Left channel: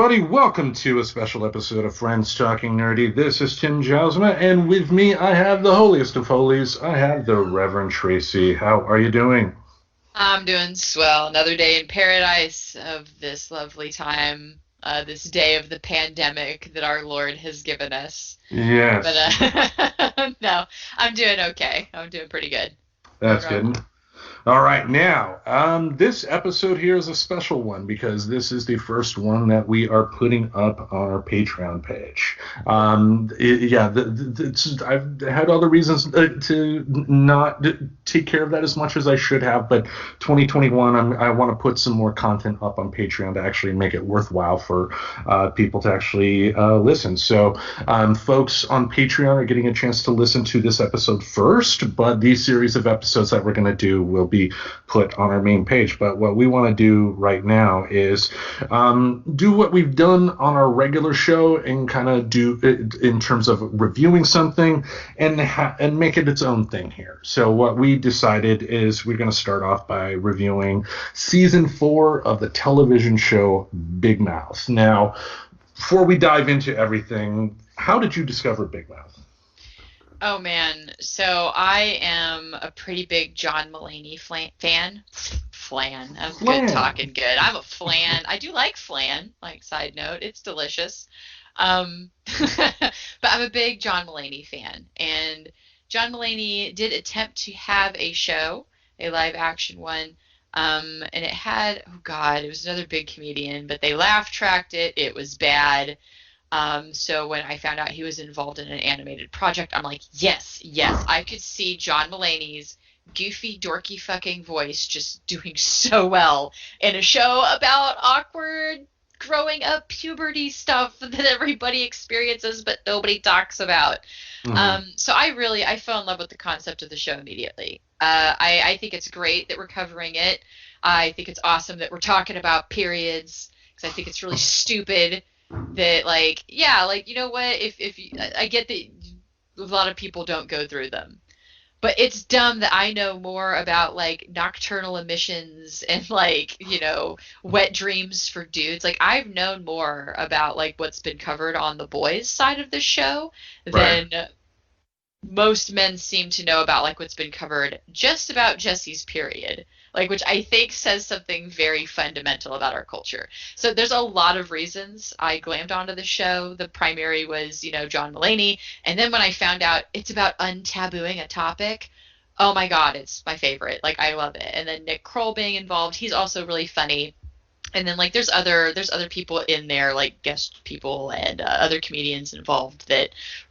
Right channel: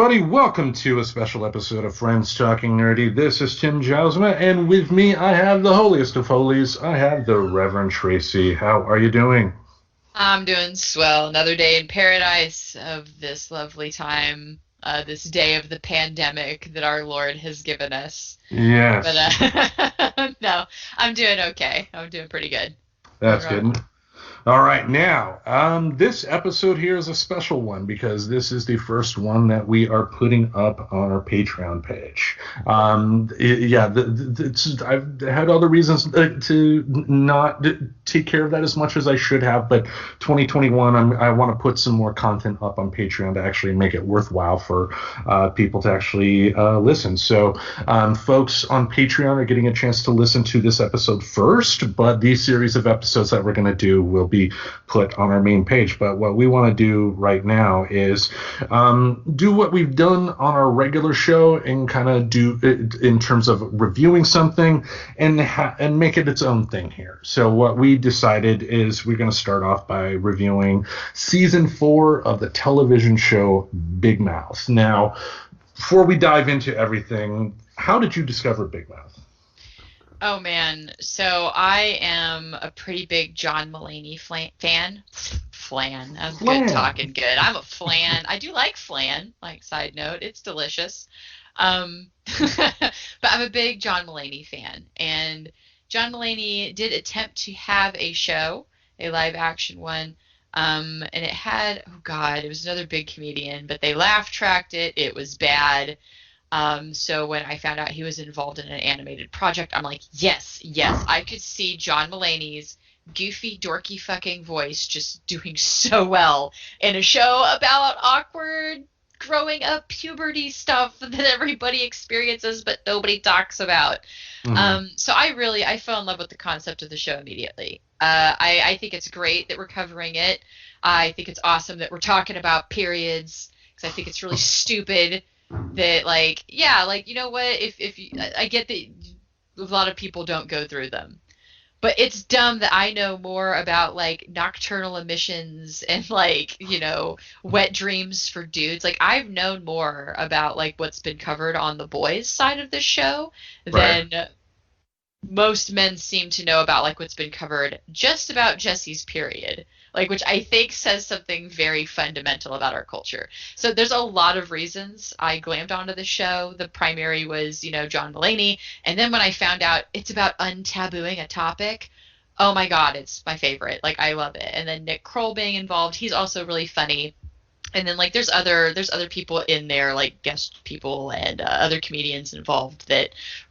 everybody. Welcome to a special episode of Friends Talking Nerdy. This is Tim Jousma, and with me I have the holiest of holies. I have the Reverend Tracy. How are you doing? I'm doing swell. Another day in paradise of this lovely time, this day of the pandemic that our Lord has given us. But Yes, no, I'm doing okay. I'm doing pretty good. What that's about good. All right, now, this episode here is a special one because this is the first one that we are putting up on our Patreon page. I've had other reasons to not take care of that as much as I should have, but 2021, I want to put some more content up on Patreon to actually make it worthwhile for people to actually listen. So, folks on Patreon are getting a chance to listen to this episode first, but these series of episodes that we're going to do will be put on our main page. But what we want to do right now is do what we've done on our regular show and kind of do it in terms of reviewing something and make it its own thing here. So what we decided is we're going to start off by reviewing season 4 of the television show Big Mouth. Now, before we dive into everything, how did you discover Big Mouth? Oh man, so I am a pretty big John Mulaney fan. Flan. I'm good Flan. talking good. I'm a flan. I do like flan, like side note. It's delicious. But I'm a big John Mulaney fan. And John Mulaney did attempt to have a show, a live action one. And it had, oh God, it was another big comedian, but they laugh tracked it. It was bad. So when I found out he was involved in an animated project, I'm like, yes, yes, I could see John Mulaney's goofy, dorky fucking voice just doing so well in a show about awkward growing up puberty stuff that everybody experiences but nobody talks about. Mm-hmm. So I fell in love with the concept of the show immediately. I think it's great that we're covering it. I think it's awesome that we're talking about periods because I think it's really stupid that like yeah like you know what if you, I get that a lot of people don't go through them, but it's dumb that I know more about like nocturnal emissions and like wet dreams for dudes. Like I've known more about like what's been covered on the boys side of the show Right. than most men seem to know about like what's been covered just about Jesse's period, like which I think says something very fundamental about our culture. So there's a lot of reasons I glammed onto the show. The primary was, John Mulaney, and then when I found out it's about untabooing a topic, oh my God, it's my favorite. Like I love it. And then Nick Kroll being involved, he's also really funny. And then like there's other people in there like guest people and other comedians involved that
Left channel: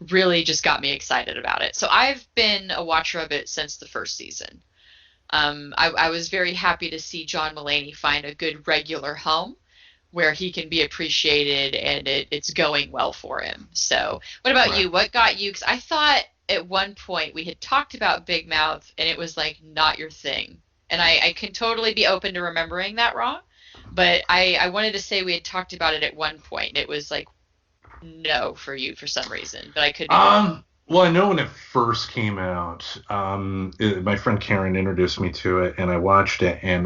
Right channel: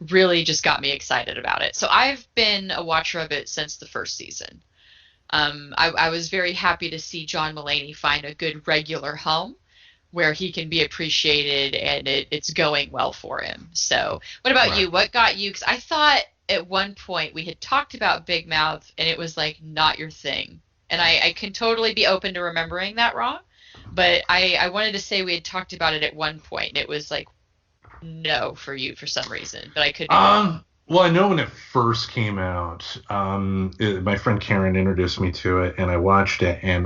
really just got me excited about it. So I've been a watcher of it since the first season. I was very happy to see John Mulaney find a good regular home where he can be appreciated and it's going well for him. So what about Right. you? What got you? Because I thought at one point we had talked about Big Mouth and it was like not your thing. And I can totally be open to remembering that wrong. But I wanted to say we had talked about it at one point. And it was like no for you for some reason, but I could be wrong. Well, I know when it first came out, my friend Karen introduced me to it, and I watched it, and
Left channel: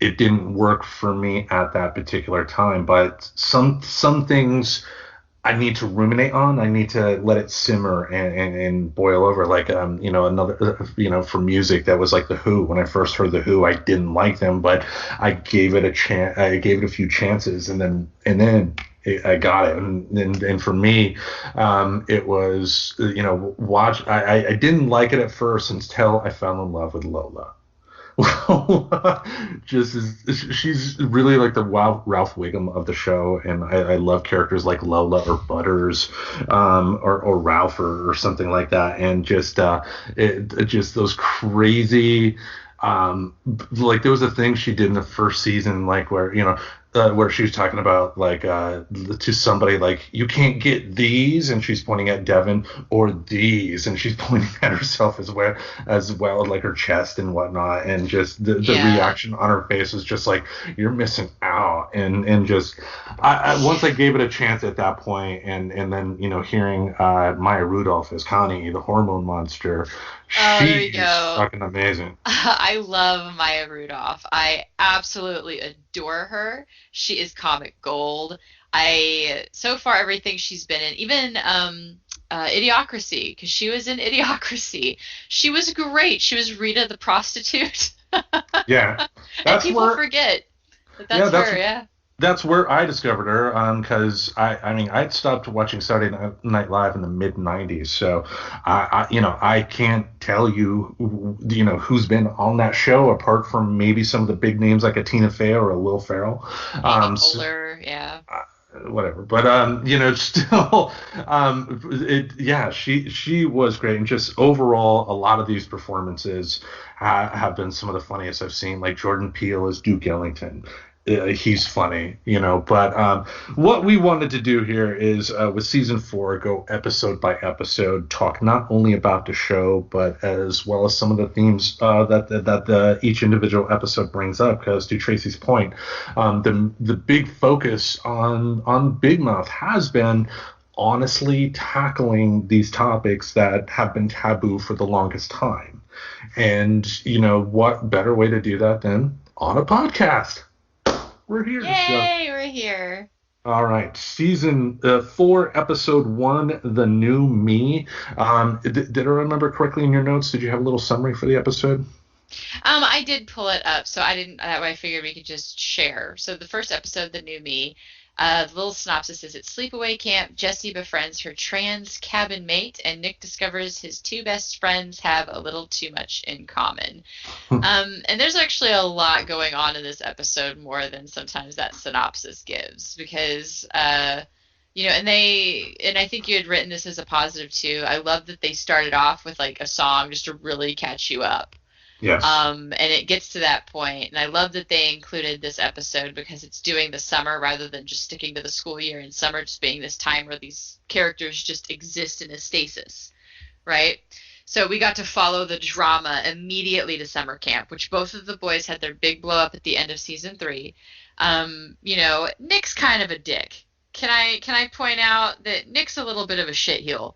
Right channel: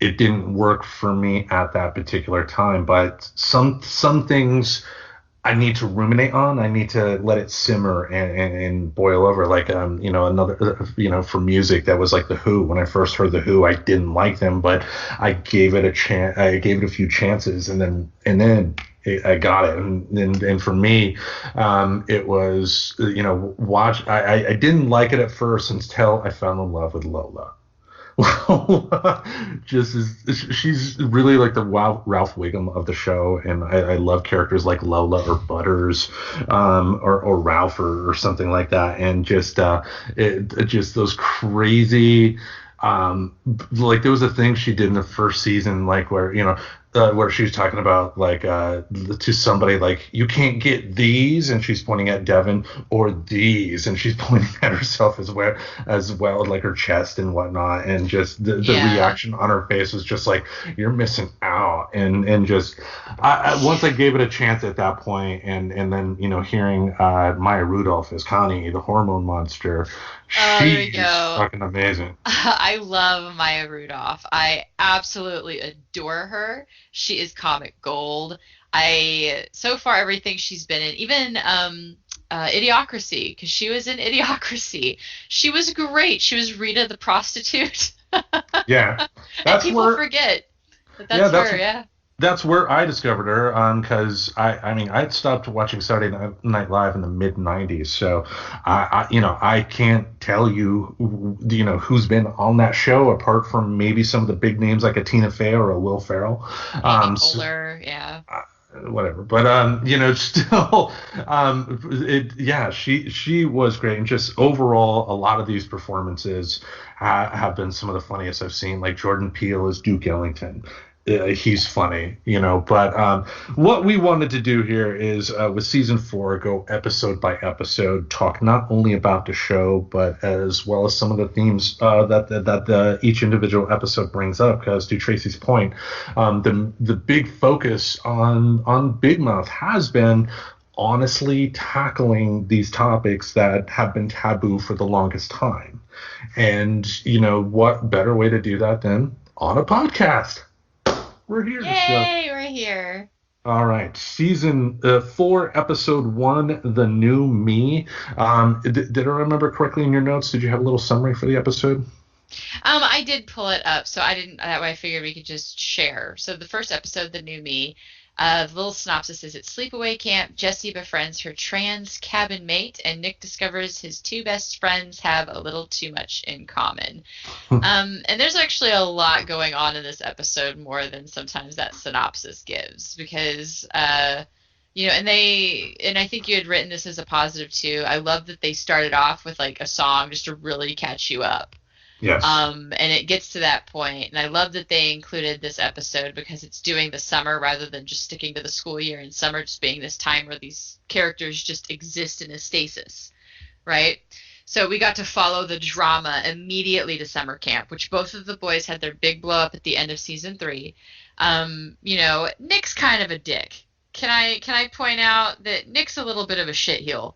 it didn't work for me at that particular time. But some things I need to ruminate on. I need to let it simmer and boil over. Like, another, for music that was like The Who. When I first heard The Who, I didn't like them, but I gave it a chance. I gave it a few chances, and then I got it. And for me, it was, I didn't like it at first until I fell in love with Lola. Well, she's really like the Ralph Wiggum of the show, and I love characters like Lola or Butters, or Ralph or something like that, and just those crazy, like there was a thing she did in the first season, like where she was talking about like to somebody like you can't get these, and she's pointing at Devin, or these, and she's pointing at herself as well, like her chest and whatnot, and just the Yeah. reaction on her face was just like you're missing out, and just once I gave it a chance at that point, and then hearing Maya Rudolph as Connie, the hormone monster, Oh, there we she's go. fucking amazing. I love Maya Rudolph. I absolutely adore her. She is comic gold. So far everything she's been in, even Idiocracy, because she was in Idiocracy. She was great. She was Rita the prostitute. Yeah, And that's people where. forget that Yeah, that's her, yeah. that's where I discovered her. Because I mean, I'd stopped watching Saturday Night Live in the mid '90s, so I can't tell you, who's been on that show apart from maybe some of the big names like a Tina Fey or a Will Ferrell. Amy So, Poehler, yeah. whatever. But still, yeah, she was great, and just overall, a lot of these performances have been some of the funniest I've seen. Like Jordan Peele as Duke Ellington. He's funny, But what we wanted to do here is, with season 4, go episode by episode, talk not only about the show, but as well as some of the themes that each individual episode brings up. Because to Tracy's point, the big focus on Big Mouth has been honestly tackling these topics that have been taboo for the longest time. And what better way to do that than on a podcast? We're here. Yay, we're here. All right. Season 4, episode 1, The New Me. Did I remember correctly in your notes? Did you have a little summary for the episode? I did pull it up, so I didn't. That way, I figured we could just share. So the first episode, The New Me, the little synopsis is: at sleepaway camp, Jessie befriends her trans cabin mate, and Nick discovers his two best friends have a little too much in common. And there's actually a lot going on in this episode, more than sometimes that synopsis gives, because and I think you had written this as a positive too. I love that they started off with like a song just to really catch you up. Yes. And it gets to that point, and I love that they included this episode because it's doing the summer rather than just sticking to the school year, and summer just being this time where these characters just exist in a stasis, right? So we got to follow the drama immediately to summer camp, which both of the boys had their big blow up at the end of season 3. Nick's kind of a dick. Can I point out that Nick's a little bit of a shitheel,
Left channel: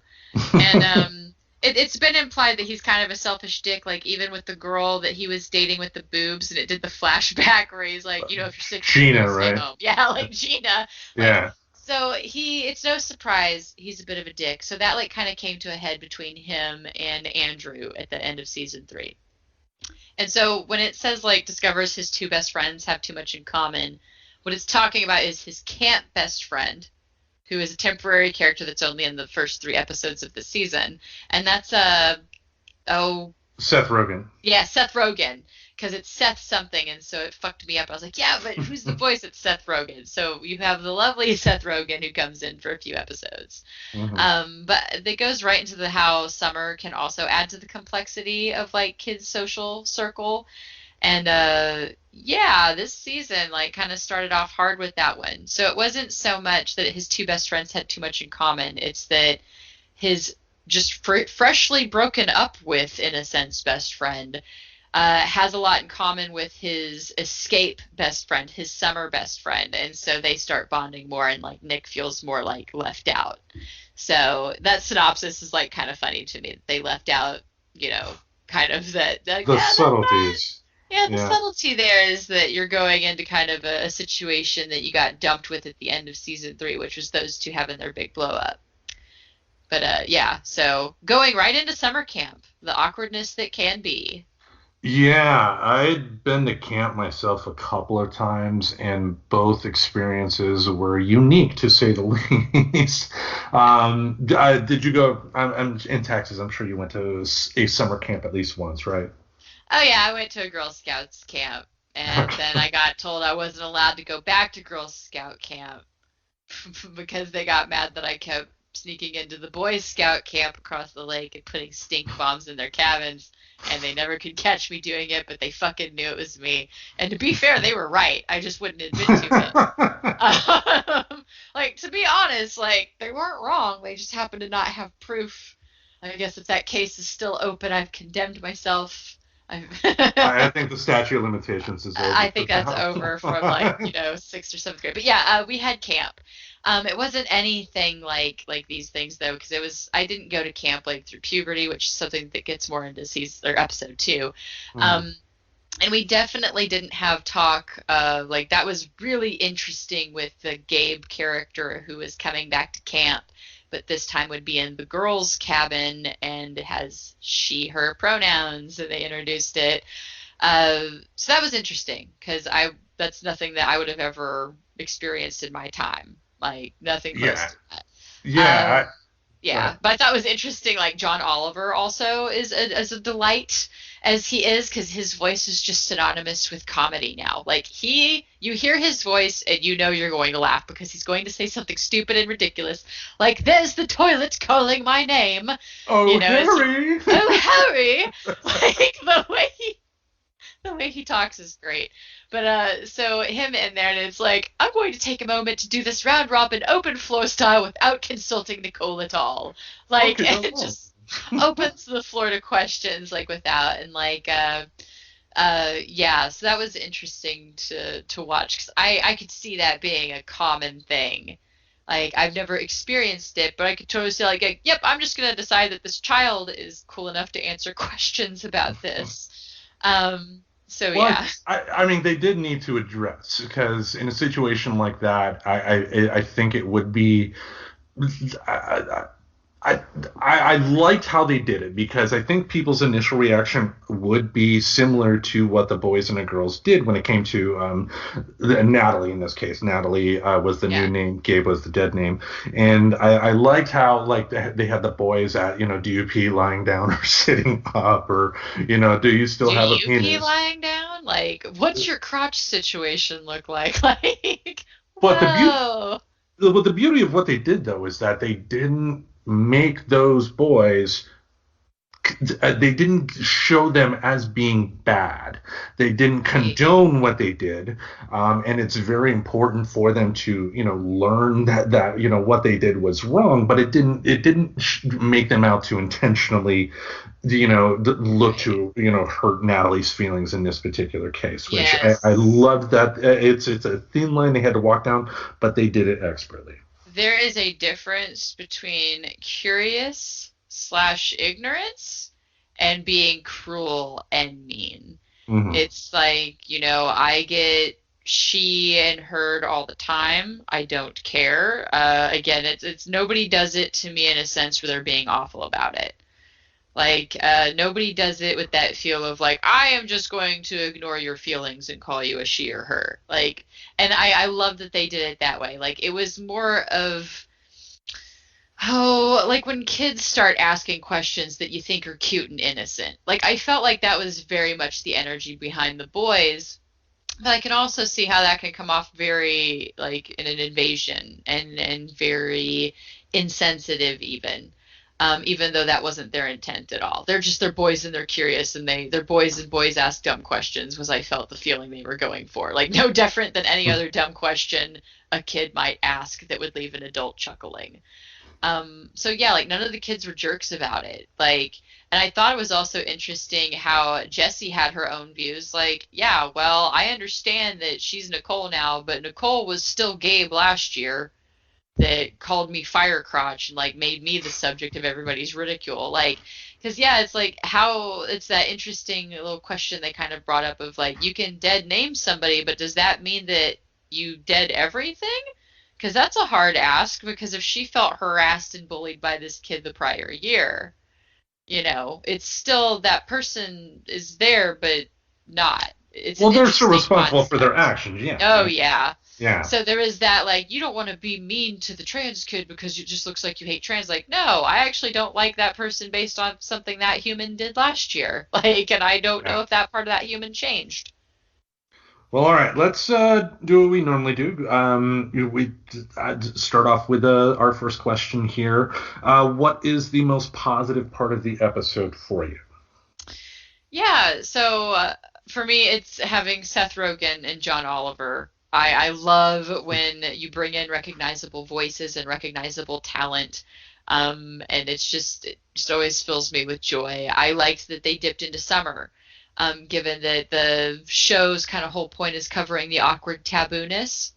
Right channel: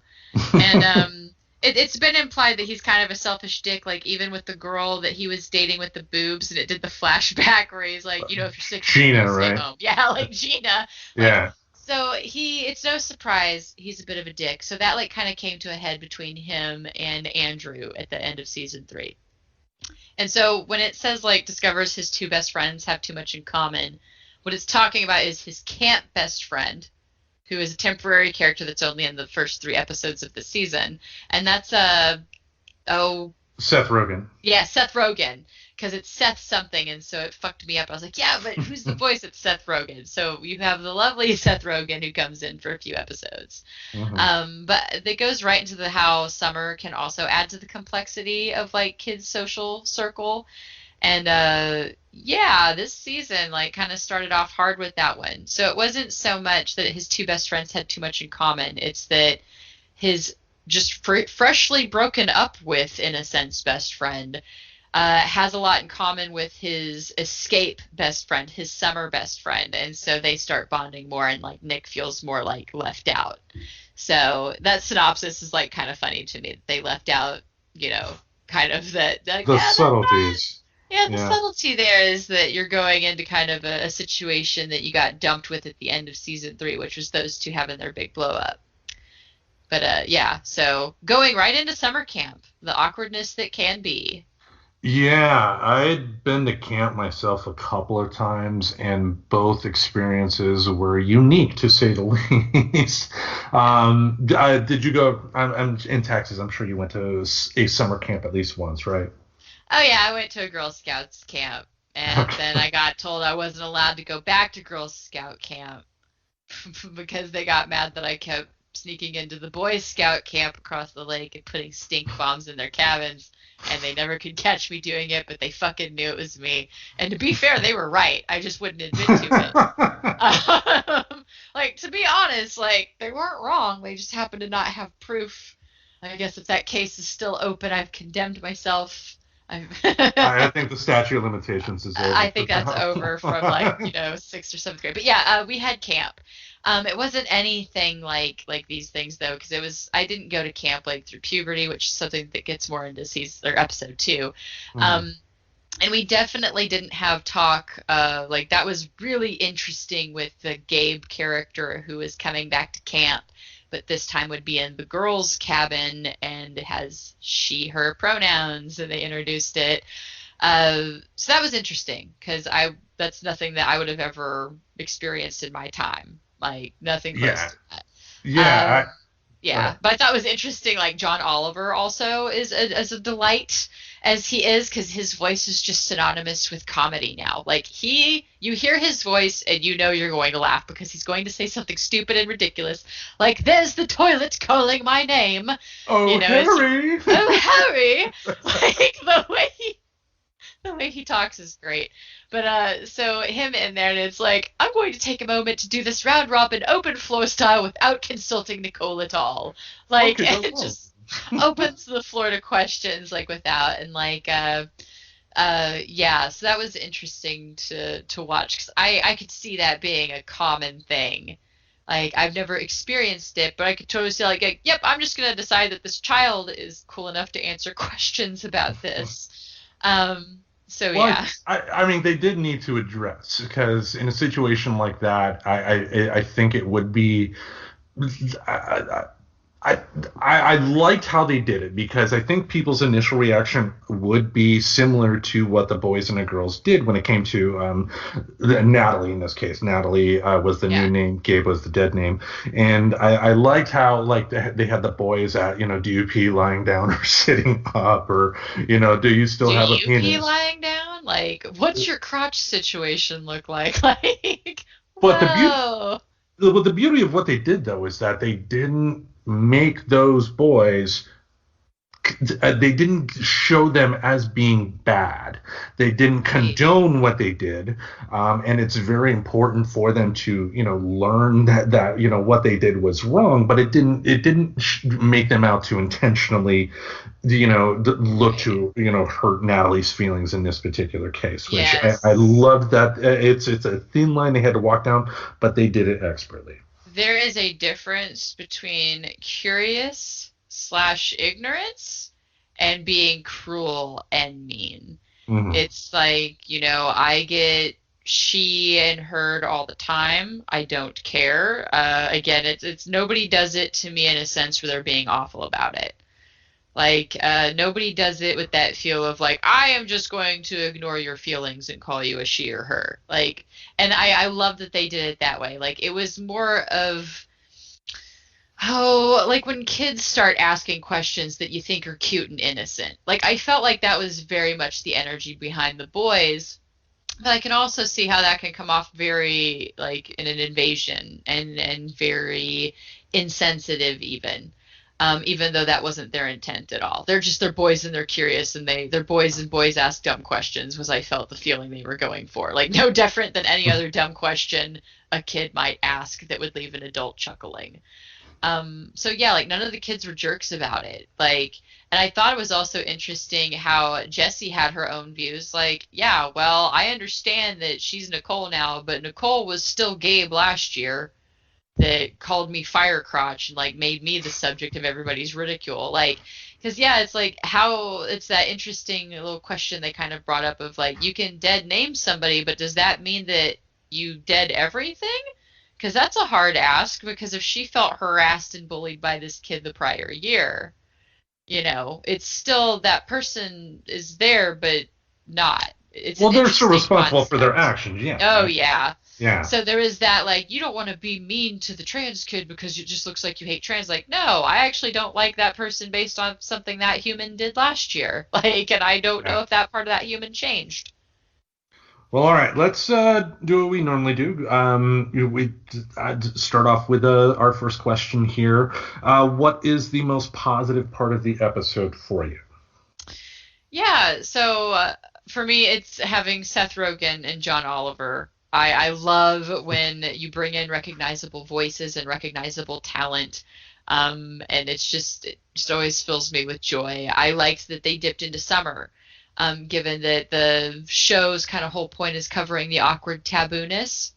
and it's been implied that he's kind of a selfish dick, like even with the girl that he was dating with the boobs, and it did the flashback where he's like, if you're sick, Gina, stay right? home. Yeah, like Gina. Like, yeah. So it's no surprise he's a bit of a dick. So that like kind of came to a head between him and Andrew at the end of season 3. And so when it says like discovers his two best friends have too much in common, what it's talking about is his camp best friend, who is a temporary character that's only in the first 3 episodes of the season. And that's Seth Rogen. Yeah, Seth Rogen, because it's Seth something, and so it fucked me up. I was like, yeah, but who's the voice? It's Seth Rogen. So you have the lovely Seth Rogen who comes in for a few episodes. Mm-hmm. But it goes right into how summer can also add to the complexity of like kids' social circle. And this season like kind of started off hard with that one. So it wasn't so much that his two best friends had too much in common. It's that his just freshly broken up with, in a sense, best friend has a lot in common with his escape best friend, his summer best friend. And so they start bonding more, and like Nick feels more like left out. So that synopsis is like kind of funny to me. They left out, kind of the subtleties. The subtlety there is that you're going into kind of a situation that you got dumped with at the end of season 3, which was those two having their big blow up. But so going right into summer camp, the awkwardness that can be. Yeah, I'd been to camp myself a couple of times, and both experiences were unique, to say the least. Did you go? I'm in Texas. I'm sure you went to a summer camp at least once, right? Oh yeah, I went to a Girl Scouts camp, and then I got told I wasn't allowed to go back to Girl Scout camp because they got mad that I kept sneaking into the Boy Scout camp across the lake and putting stink bombs in their cabins, and they never could catch me doing it, but they fucking knew it was me. And to be fair, they were right. I just wouldn't admit to it. To be honest, like, they weren't wrong. They just happened to not have proof. I guess if that case is still open, I've condemned myself. I think the statute of limitations is over. I think that's over from 6th or 7th grade. But yeah, we had camp. It wasn't anything like these things though, because I didn't go to camp like through puberty, which is something that gets more into season or episode 2. And we definitely didn't have talk, like that was really interesting with the Gabe character who is coming back to camp, but this time would be in the girls' cabin and has she, her pronouns, and they introduced it. So that was interesting because that's nothing that I would have ever experienced in my time, like nothing close Yeah, to that. yeah. Go Yeah, ahead. but I thought it was interesting. Like John Oliver also is a delight as he is because his voice is just synonymous with comedy now. Like you hear his voice and you know you're going to laugh because he's going to say something stupid and ridiculous, like "There's the toilet calling my name," Oh, it's Harry. "Oh Harry," like the way he talks is great. But so him in there, and it's like, I'm going to take a moment to do this round robin open floor style without consulting Nicole at all. Like, Okay, no and problem. just opens the floor to questions like without, and like yeah, so that was interesting to watch because I could see that being a common thing. Like I've never experienced it, but I could totally see like, yep, I'm just gonna decide that this child is cool enough to answer questions about this. So Well, yeah. I mean, they did need to address because in a situation like that, I think it would be. I, I, I liked how they did it because I think people's initial reaction would be similar to what the boys and the girls did when it came to Natalie in this case. Natalie was the new Yeah. name, Gabe was the dead name, and I liked how like they had the boys at do you pee lying down or sitting up or do you still Do have a you pee penis? lying down? Like, what's your crotch situation look like? Like, But the beauty whoa. the beauty of what they did though is that they didn't make those boys they didn't show them as being bad. They didn't Right. condone what they did, and it's very important for them to, learn that what they did was wrong. But it didn't make them out to intentionally, look Right. to hurt Natalie's feelings in this particular case. Which I Yes. love that it's a thin line they had to walk down, but they did it expertly. There is a difference between curious slash ignorance and being cruel and mean. Hmm. It's like, I get she and heard all the time. I don't care. Again, it's nobody does it to me in a sense where they're being awful about it. Like, nobody does it with that feel of like, I am just going to ignore your feelings and call you a she or her. Like, and I love that they did it that way. Like, it was more of, oh, like when kids start asking questions that you think are cute and innocent. Like, I felt like that was very much the energy behind the boys. But I can also see how that can come off very like in an invasion and very insensitive even. Even though that wasn't their intent at all. They're boys and they're curious and they're boys and boys ask dumb questions was I felt the feeling they were going for. Like no different than any other dumb question a kid might ask that would leave an adult chuckling. So yeah, like none of the kids were jerks about it. Like, and I thought it was also interesting how Jessie had her own views. Like, yeah, well, I understand that she's Nicole now, but Nicole was still Gabe last year that called me fire crotch and like made me the subject of everybody's ridicule. Like, because yeah, it's like how it's that interesting little question they kind of brought up of like you can dead name somebody, but does that mean that you dead everything? Because that's a hard ask because if she felt harassed and bullied by this kid the prior year, it's still that person is there, but not. It's an Well, they're still interesting responsible for their concept. actions. Yeah. Oh, yeah. Yeah. So there is that, like, you don't want to be mean to the trans kid because it just looks like you hate trans. Like, no, I actually don't like that person based on something that human did last year. Like, and I don't know Yeah. if that part of that human changed. Well, all right. Let's do what we normally do. We start off with our first question here. What is the most positive part of the episode for you? Yeah, so for me, it's having Seth Rogen and John Oliver. I love when you bring in recognizable voices and recognizable talent. And it just always fills me with joy. I liked that they dipped into summer, given that the show's kind of whole point is covering the awkward tabooness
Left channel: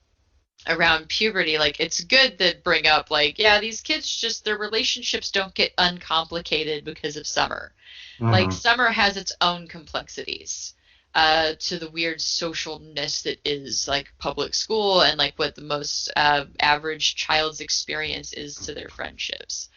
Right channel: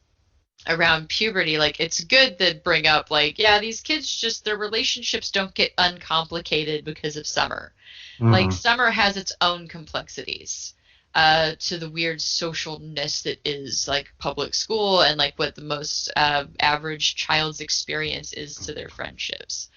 around puberty. Like, it's good that bring up, like, yeah, these kids just, their relationships don't get uncomplicated because of summer. Like Hmm. summer has its own complexities. to the weird socialness that is like public school and like what the most average child's experience is to their friendships.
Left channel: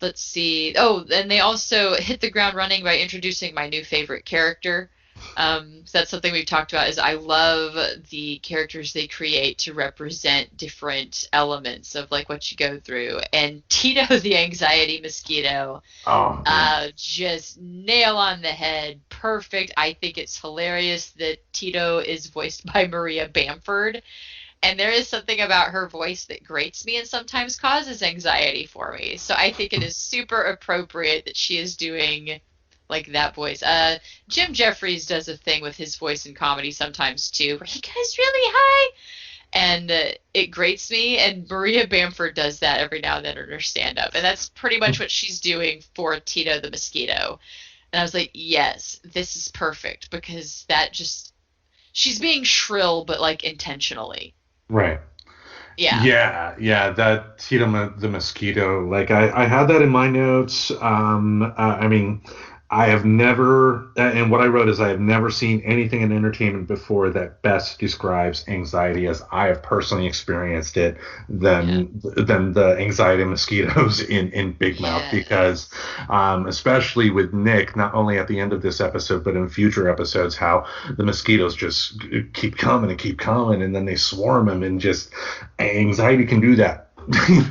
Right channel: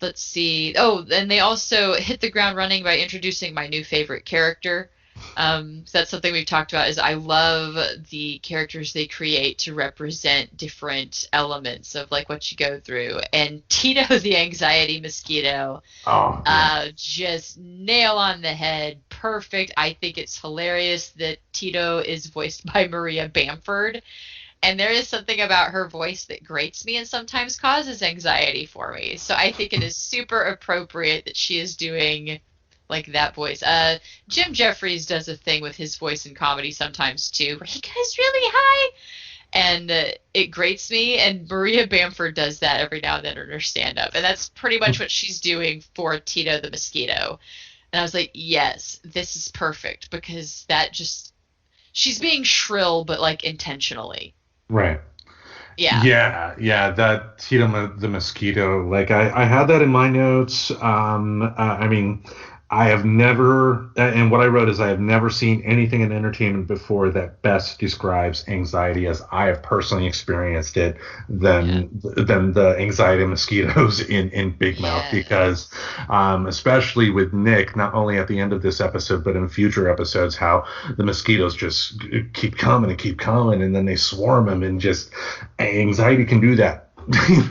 Let's see. Oh, and they also hit the ground running by introducing my new favorite character. So that's something we've talked about is I love the characters they create to represent different elements of like what you go through. And Tito the anxiety mosquito, Oh, yeah. just nail on the head. Perfect. I think it's hilarious that Tito is voiced by Maria Bamford. And there is something about her voice that grates me and sometimes causes anxiety for me. So I think it is super appropriate that she is doing like that voice. Jim Jeffries does a thing with his voice in comedy sometimes too, where he goes really high, and it grates me. And Maria Bamford does that every now and then in her stand-up, and that's pretty much what she's doing for Tito the mosquito. And I was like, yes, this is perfect because that just she's being shrill, but like intentionally. Right. Yeah. Yeah, that Tito the mosquito. Like I had that in my notes. I mean, I have never, and what I wrote is I have never seen anything in entertainment before that best describes anxiety as I have personally experienced it Yeah. than the anxiety mosquitoes in Big Mouth because Yes. especially with Nick, not only at the end of this episode but in future episodes, how the mosquitoes just keep coming, and then they swarm him, and just anxiety can do that.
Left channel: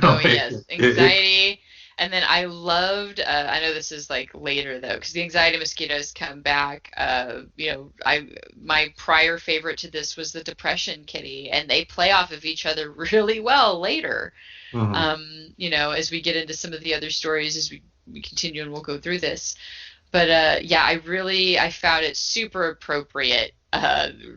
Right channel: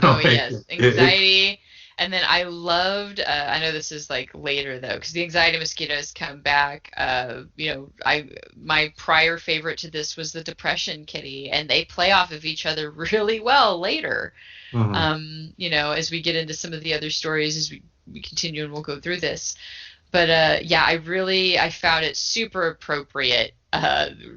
Oh Like, yes, anxiety. And then I loved. I know this is like later though, because the anxiety mosquitoes come back. I my prior favorite to this was the depression kitty, and they play off of each other really well later. mhm. As we get into some of the other stories as we continue, and we'll go through this. But yeah, I found it super appropriate.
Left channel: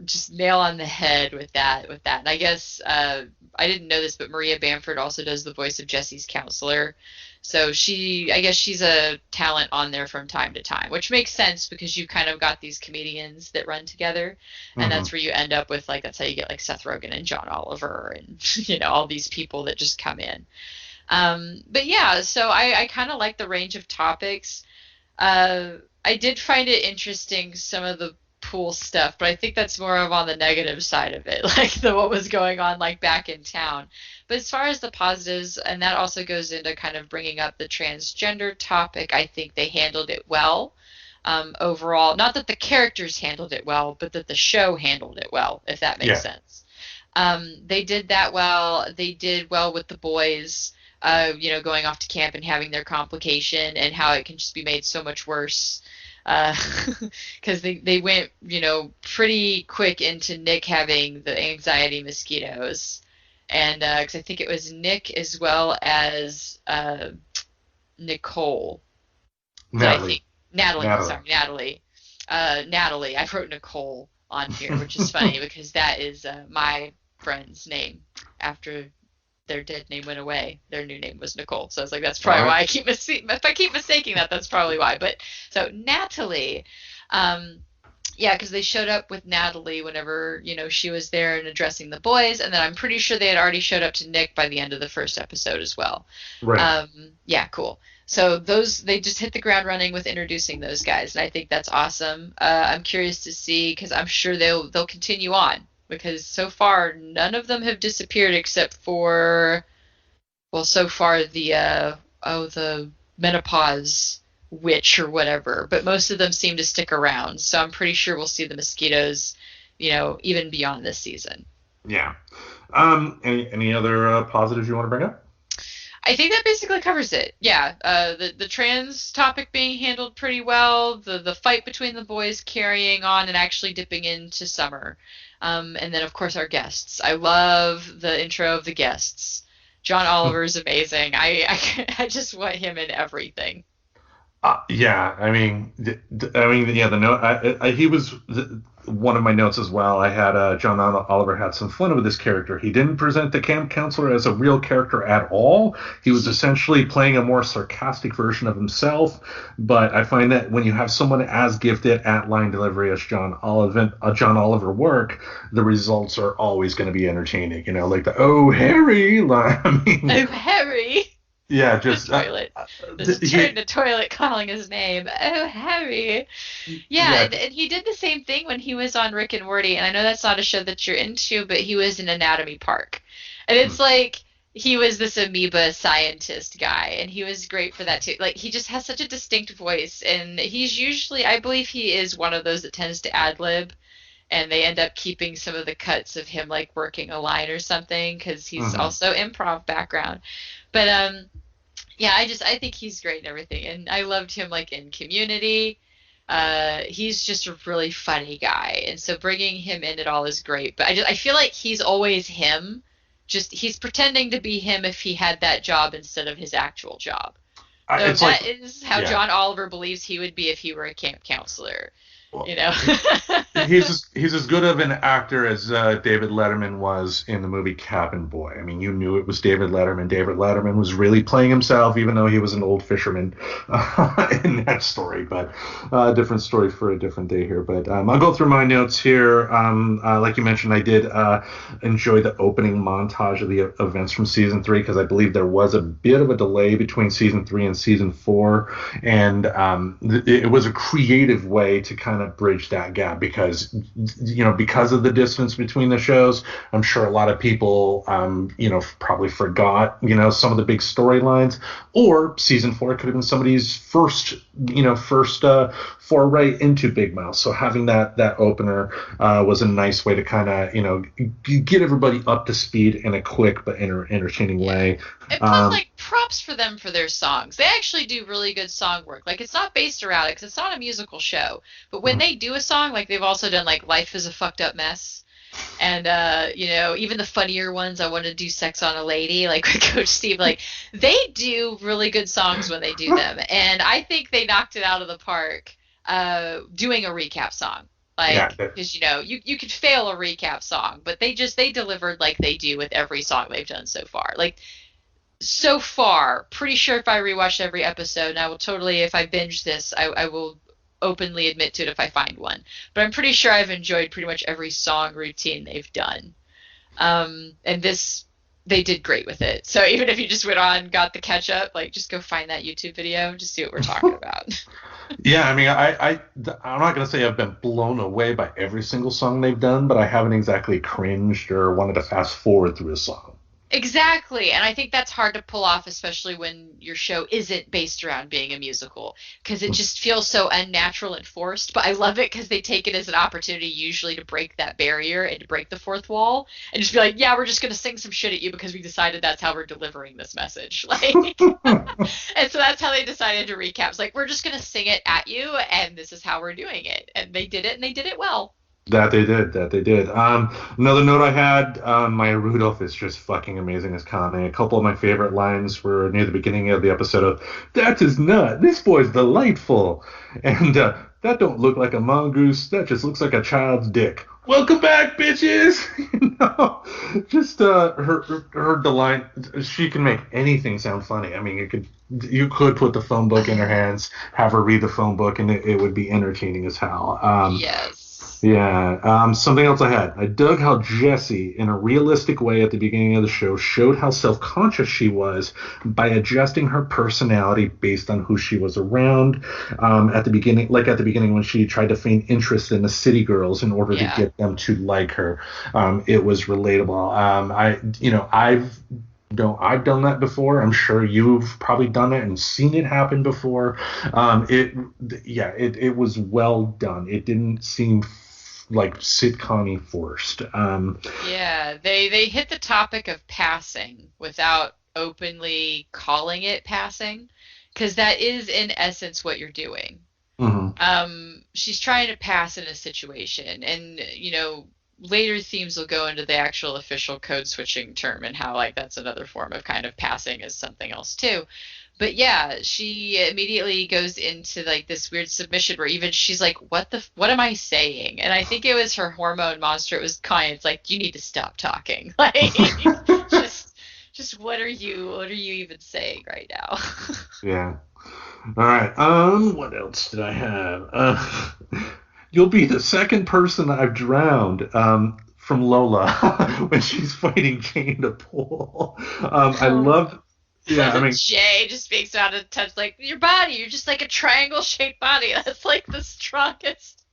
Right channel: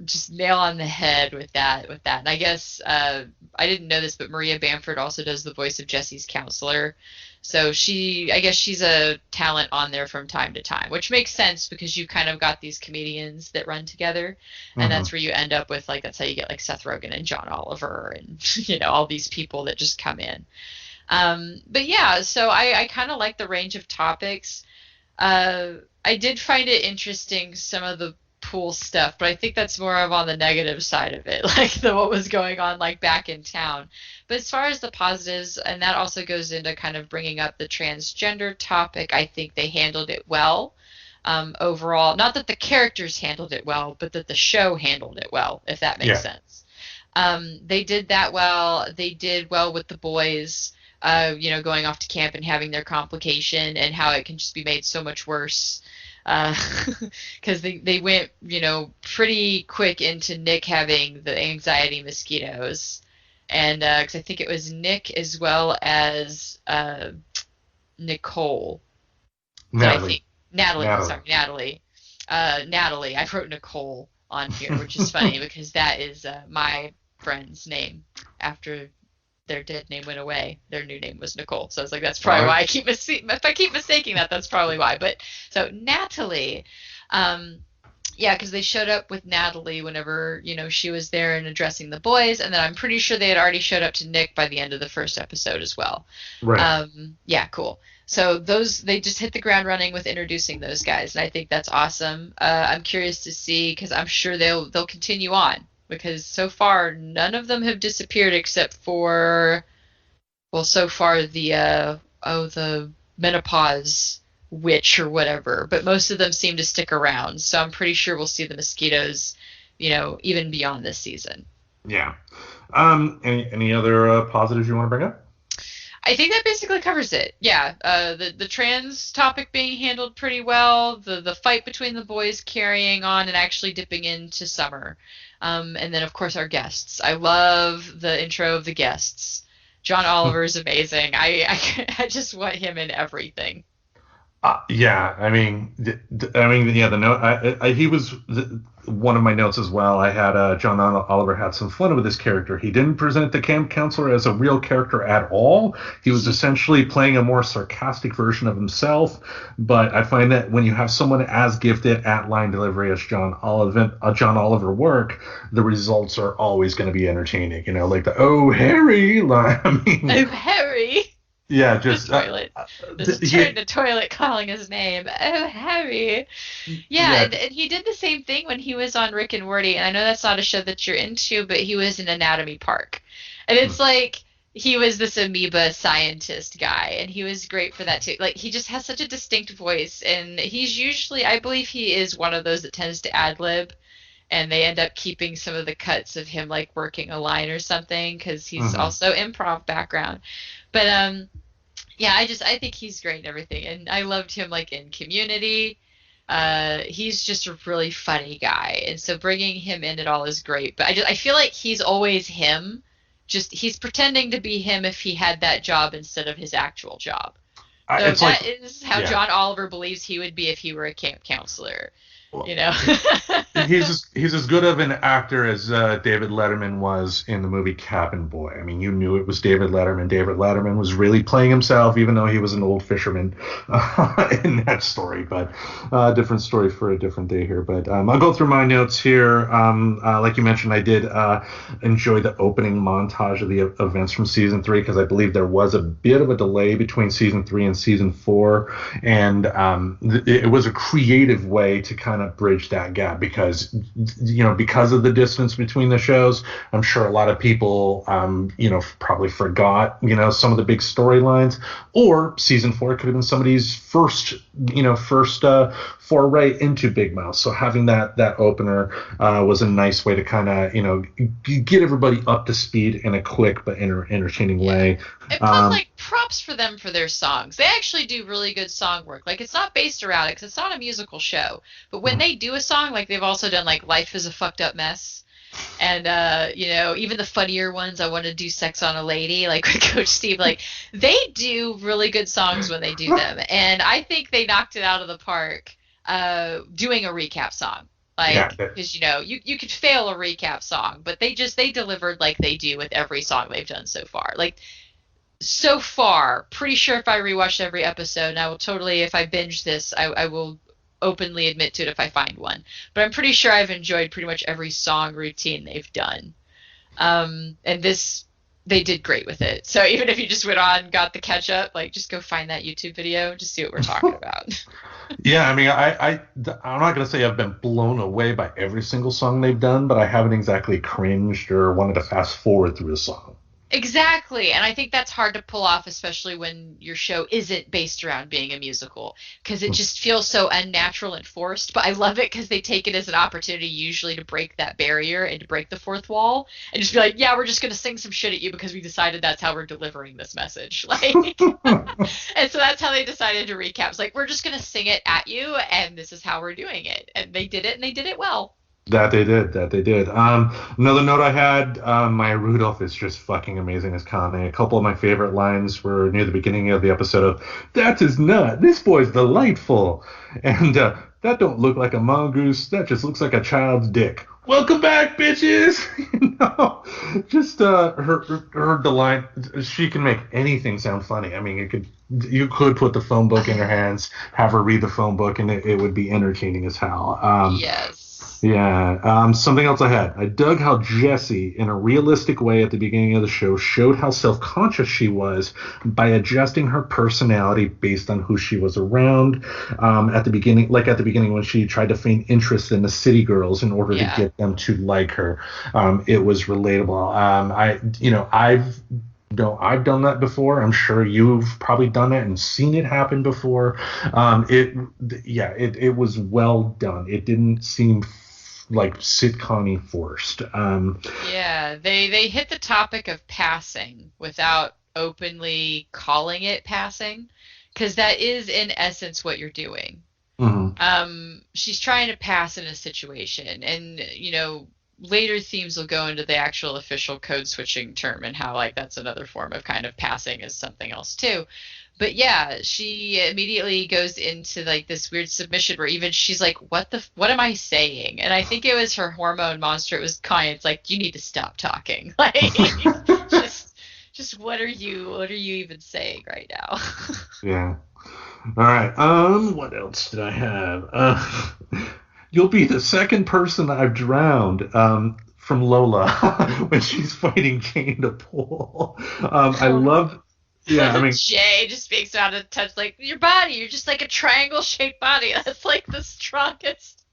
Just nail on the head with that. And I guess I didn't know this, but Maria Bamford also does the voice of Jesse's counselor. So I guess she's a talent on there from time to time, which makes sense because you kind of got these comedians that run together, and Mhm. that's where you end up with like that's how you get like Seth Rogen and John Oliver and all these people that just come in. But yeah, so I kind of like the range of topics. Uh, I did find it interesting some of the pool stuff, but I think that's more of on the negative side of it, like what was going on like back in town. But as far as the positives, and that also goes into kind of bringing up the transgender topic, I think they handled it well. Overall, not that the characters handled it well, but that the show handled it well, if that makes Yeah. sense. They did that well. They did well with the boys, going off to camp and having their complication and how it can just be made so much worse. Because they went, pretty quick into Nick having the anxiety mosquitoes. And because I think it was Nick as well as Nicole. Did I Natalie. think Natalie? Natalie. Sorry, Natalie. Natalie. I wrote Nicole on here, which is funny because that is my friend's name after their dead name went away. Their new name was Nicole. So I was like, that's All probably right. why if I keep mistaking that, that's probably why. But so Natalie, um, yeah, because they showed up with Natalie whenever, she was there and addressing the boys, and then I'm pretty sure they had already showed up to Nick by the end of the first episode as well. Right. Yeah, cool. So those they just hit the ground running with introducing those guys, and I think that's awesome. I'm curious to see because I'm sure they'll continue on because so far none of them have disappeared except for well, so far the menopause witch or whatever, but most of them seem to stick around. So I'm pretty sure we'll see the mosquitoes, even beyond this season. Yeah. Any other positives you want to bring up? I think that basically covers it. Yeah, the trans topic being handled pretty well, the fight between the boys carrying on and actually dipping into summer, and then of course our guests. I love the intro of the guests. John Oliver is amazing. I just want him in everything. Yeah, yeah. The note, he was one of my notes as well. I had John Oliver had some fun with this character. He didn't present the camp counselor as a real character at all. He was essentially playing a more sarcastic version of himself. But I find that when you have someone as gifted at line delivery as John Oliver work, the results are always going to be entertaining. Like the "Oh Harry" line. I mean, Oh, Harry! Yeah, The just toilet. Just he, turn the toilet calling his name. Oh, Harry. Yeah, yeah. and he did the same thing when he was on Rick and Morty. And I know that's not a show that you're into, but he was in Anatomy Park. And Hmm. it's like he was this amoeba scientist guy, and he was great for that too. Like he just has such a distinct voice, and he's usually, I believe he is one of those that tends to ad lib, and they end up keeping some of the cuts of him like working a line or something because he's Hmm. also improv background. But yeah, I think he's great and everything, and I loved him like in Community. He's just a really funny guy, and so bringing him in at all is great. But I feel like he's always him. Just he's pretending to be him if he had that job instead of his actual job. So It's like, that is how yeah. John Oliver believes he would be if he were a camp counselor. Well, You know. he's as good of an actor as David Letterman was in the movie Cabin Boy. I mean, you knew it was David Letterman. David Letterman was really playing himself, even though he was an old fisherman in that story. But different story for a different day here. But I'll go through my notes here. Like you mentioned, I did enjoy the opening montage of the events from season 3 because I believe there was a bit of a delay between season 3 and season 4, and it was a creative way to kind of bridge that gap because because of the distance between the shows. I'm sure a lot of people probably forgot some of the big storylines, or season 4 could have been somebody's first foray into Big Mouth. So having that opener was a nice way to kind of get everybody up to speed in a quick but entertaining Yeah. way. And plus, like, props for them for their songs. They actually do really good song work. Like, it's not based around it because it's not a musical show. But when they do a song, like they've also done like "Life Is a Fucked Up Mess," and even the funnier ones, "I Want to Do Sex on a Lady," like with Coach Steve. Like, they do really good songs when they do them, and I think they knocked it out of the park doing a recap song. Yeah, Like, because you could fail a recap song, but they delivered like they do with every song they've done so far. Like so far, pretty sure if I rewatch every episode, and I will totally, if I binge this, I will openly admit to it if I find one. But I'm pretty sure I've enjoyed pretty much every song routine they've done. And this, they did great with it. So even if you just went on, got the catch up, like just go find that YouTube video and just see what we're talking about. yeah. I mean, I'm not gonna say I've been blown away by every single song they've done, but I haven't exactly cringed or wanted to fast forward through a song. Exactly. And I think that's hard to pull off, especially when your show isn't based around being a musical, because it just feels so unnatural and forced. But I love it because they take it as an opportunity, usually, to break that barrier and to break the fourth wall and just be like, yeah, we're just going to sing some shit at you because we decided that's how we're delivering this message. Like, and so that's how they decided to recap. It's like, we're just going to sing it at you, and this is how we're doing it. And they did it, and they did it well. That they did. That they did. Another note I had, Maya Rudolph is just fucking amazing as Connie. A couple of my favorite lines were near the beginning of the episode of, "That is not. This boy's delightful," and "That don't look like a mongoose. That just looks like a child's dick." Welcome back, bitches. Just her delight. She can make anything sound funny. I mean, you could put the phone book in her hands, have her read the phone book, and it would be entertaining as hell. Yes. Yeah. Something else I had. I dug how Jessie, in a realistic way at the beginning of the show, showed how self-conscious she was by adjusting her personality based on who she was around. At the beginning, when she tried to feign interest in the city girls in order to Yeah. get them to like her, it was relatable. I've done that before. I'm sure you've probably done it and seen it happen before. It was well done. It didn't seem like sitcom-y forced. Yeah, they hit the topic of passing without openly calling it passing, because that is in essence what you're doing. Mhm. She's trying to pass in a situation, and later themes will go into the actual official code switching term and how like that's another form of kind of passing as something else too. But yeah, she immediately goes into like this weird submission where even she's like, what am I saying? And I think it was her hormone monster. It was kind. It's like, you need to stop talking. Like, just what are you even saying right now? Yeah. All right. What else did I have? You'll be the second person I've drowned. From Lola when she's fighting Jane to Pool. I Oh. love Yeah, I mean, Jay just speaks out of touch, like, your body, you're just like a triangle-shaped body. That's like the strongest.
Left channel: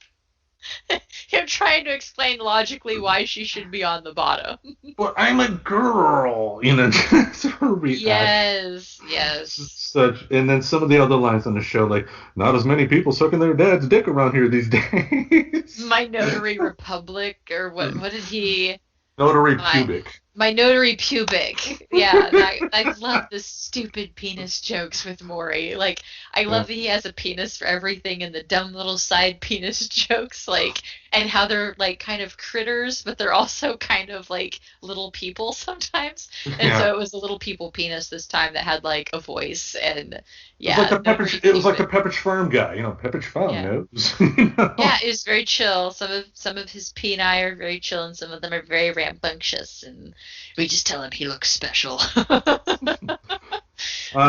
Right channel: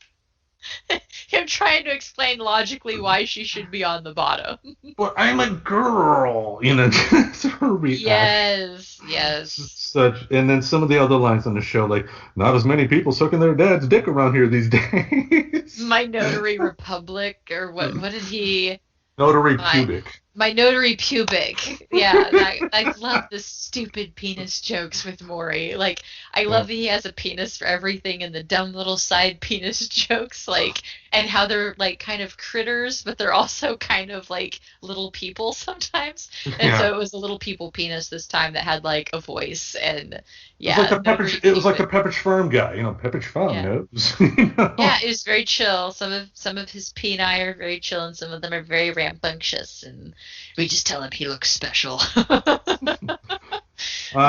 Him trying to explain logically why she should be on the bottom. well, I'm a girl, you know, just her reaction. Yes, yes. Such, and then some of the other lines on the show, like, not as many people sucking their dad's dick around here these days. My notary republic, or what did he? Notary My pubic. my notary pubic. Yeah, I love the stupid penis jokes with Maury. Like, I Yeah. love that he has a penis for everything, and the dumb little side penis jokes, like, and how they're like kind of critters, but they're also kind of like little people sometimes. And Yeah. so it was a little people penis this time that had like a voice, and It was like yeah, the notary Pepperidge, it was like the pubic. Pepperidge Farm guy, you know, Pepperidge Farm Yeah. knows, you Yeah, know. it was very chill. Some of his peni are very chill, and some of them are very rambunctious, and we just tell him he looks special.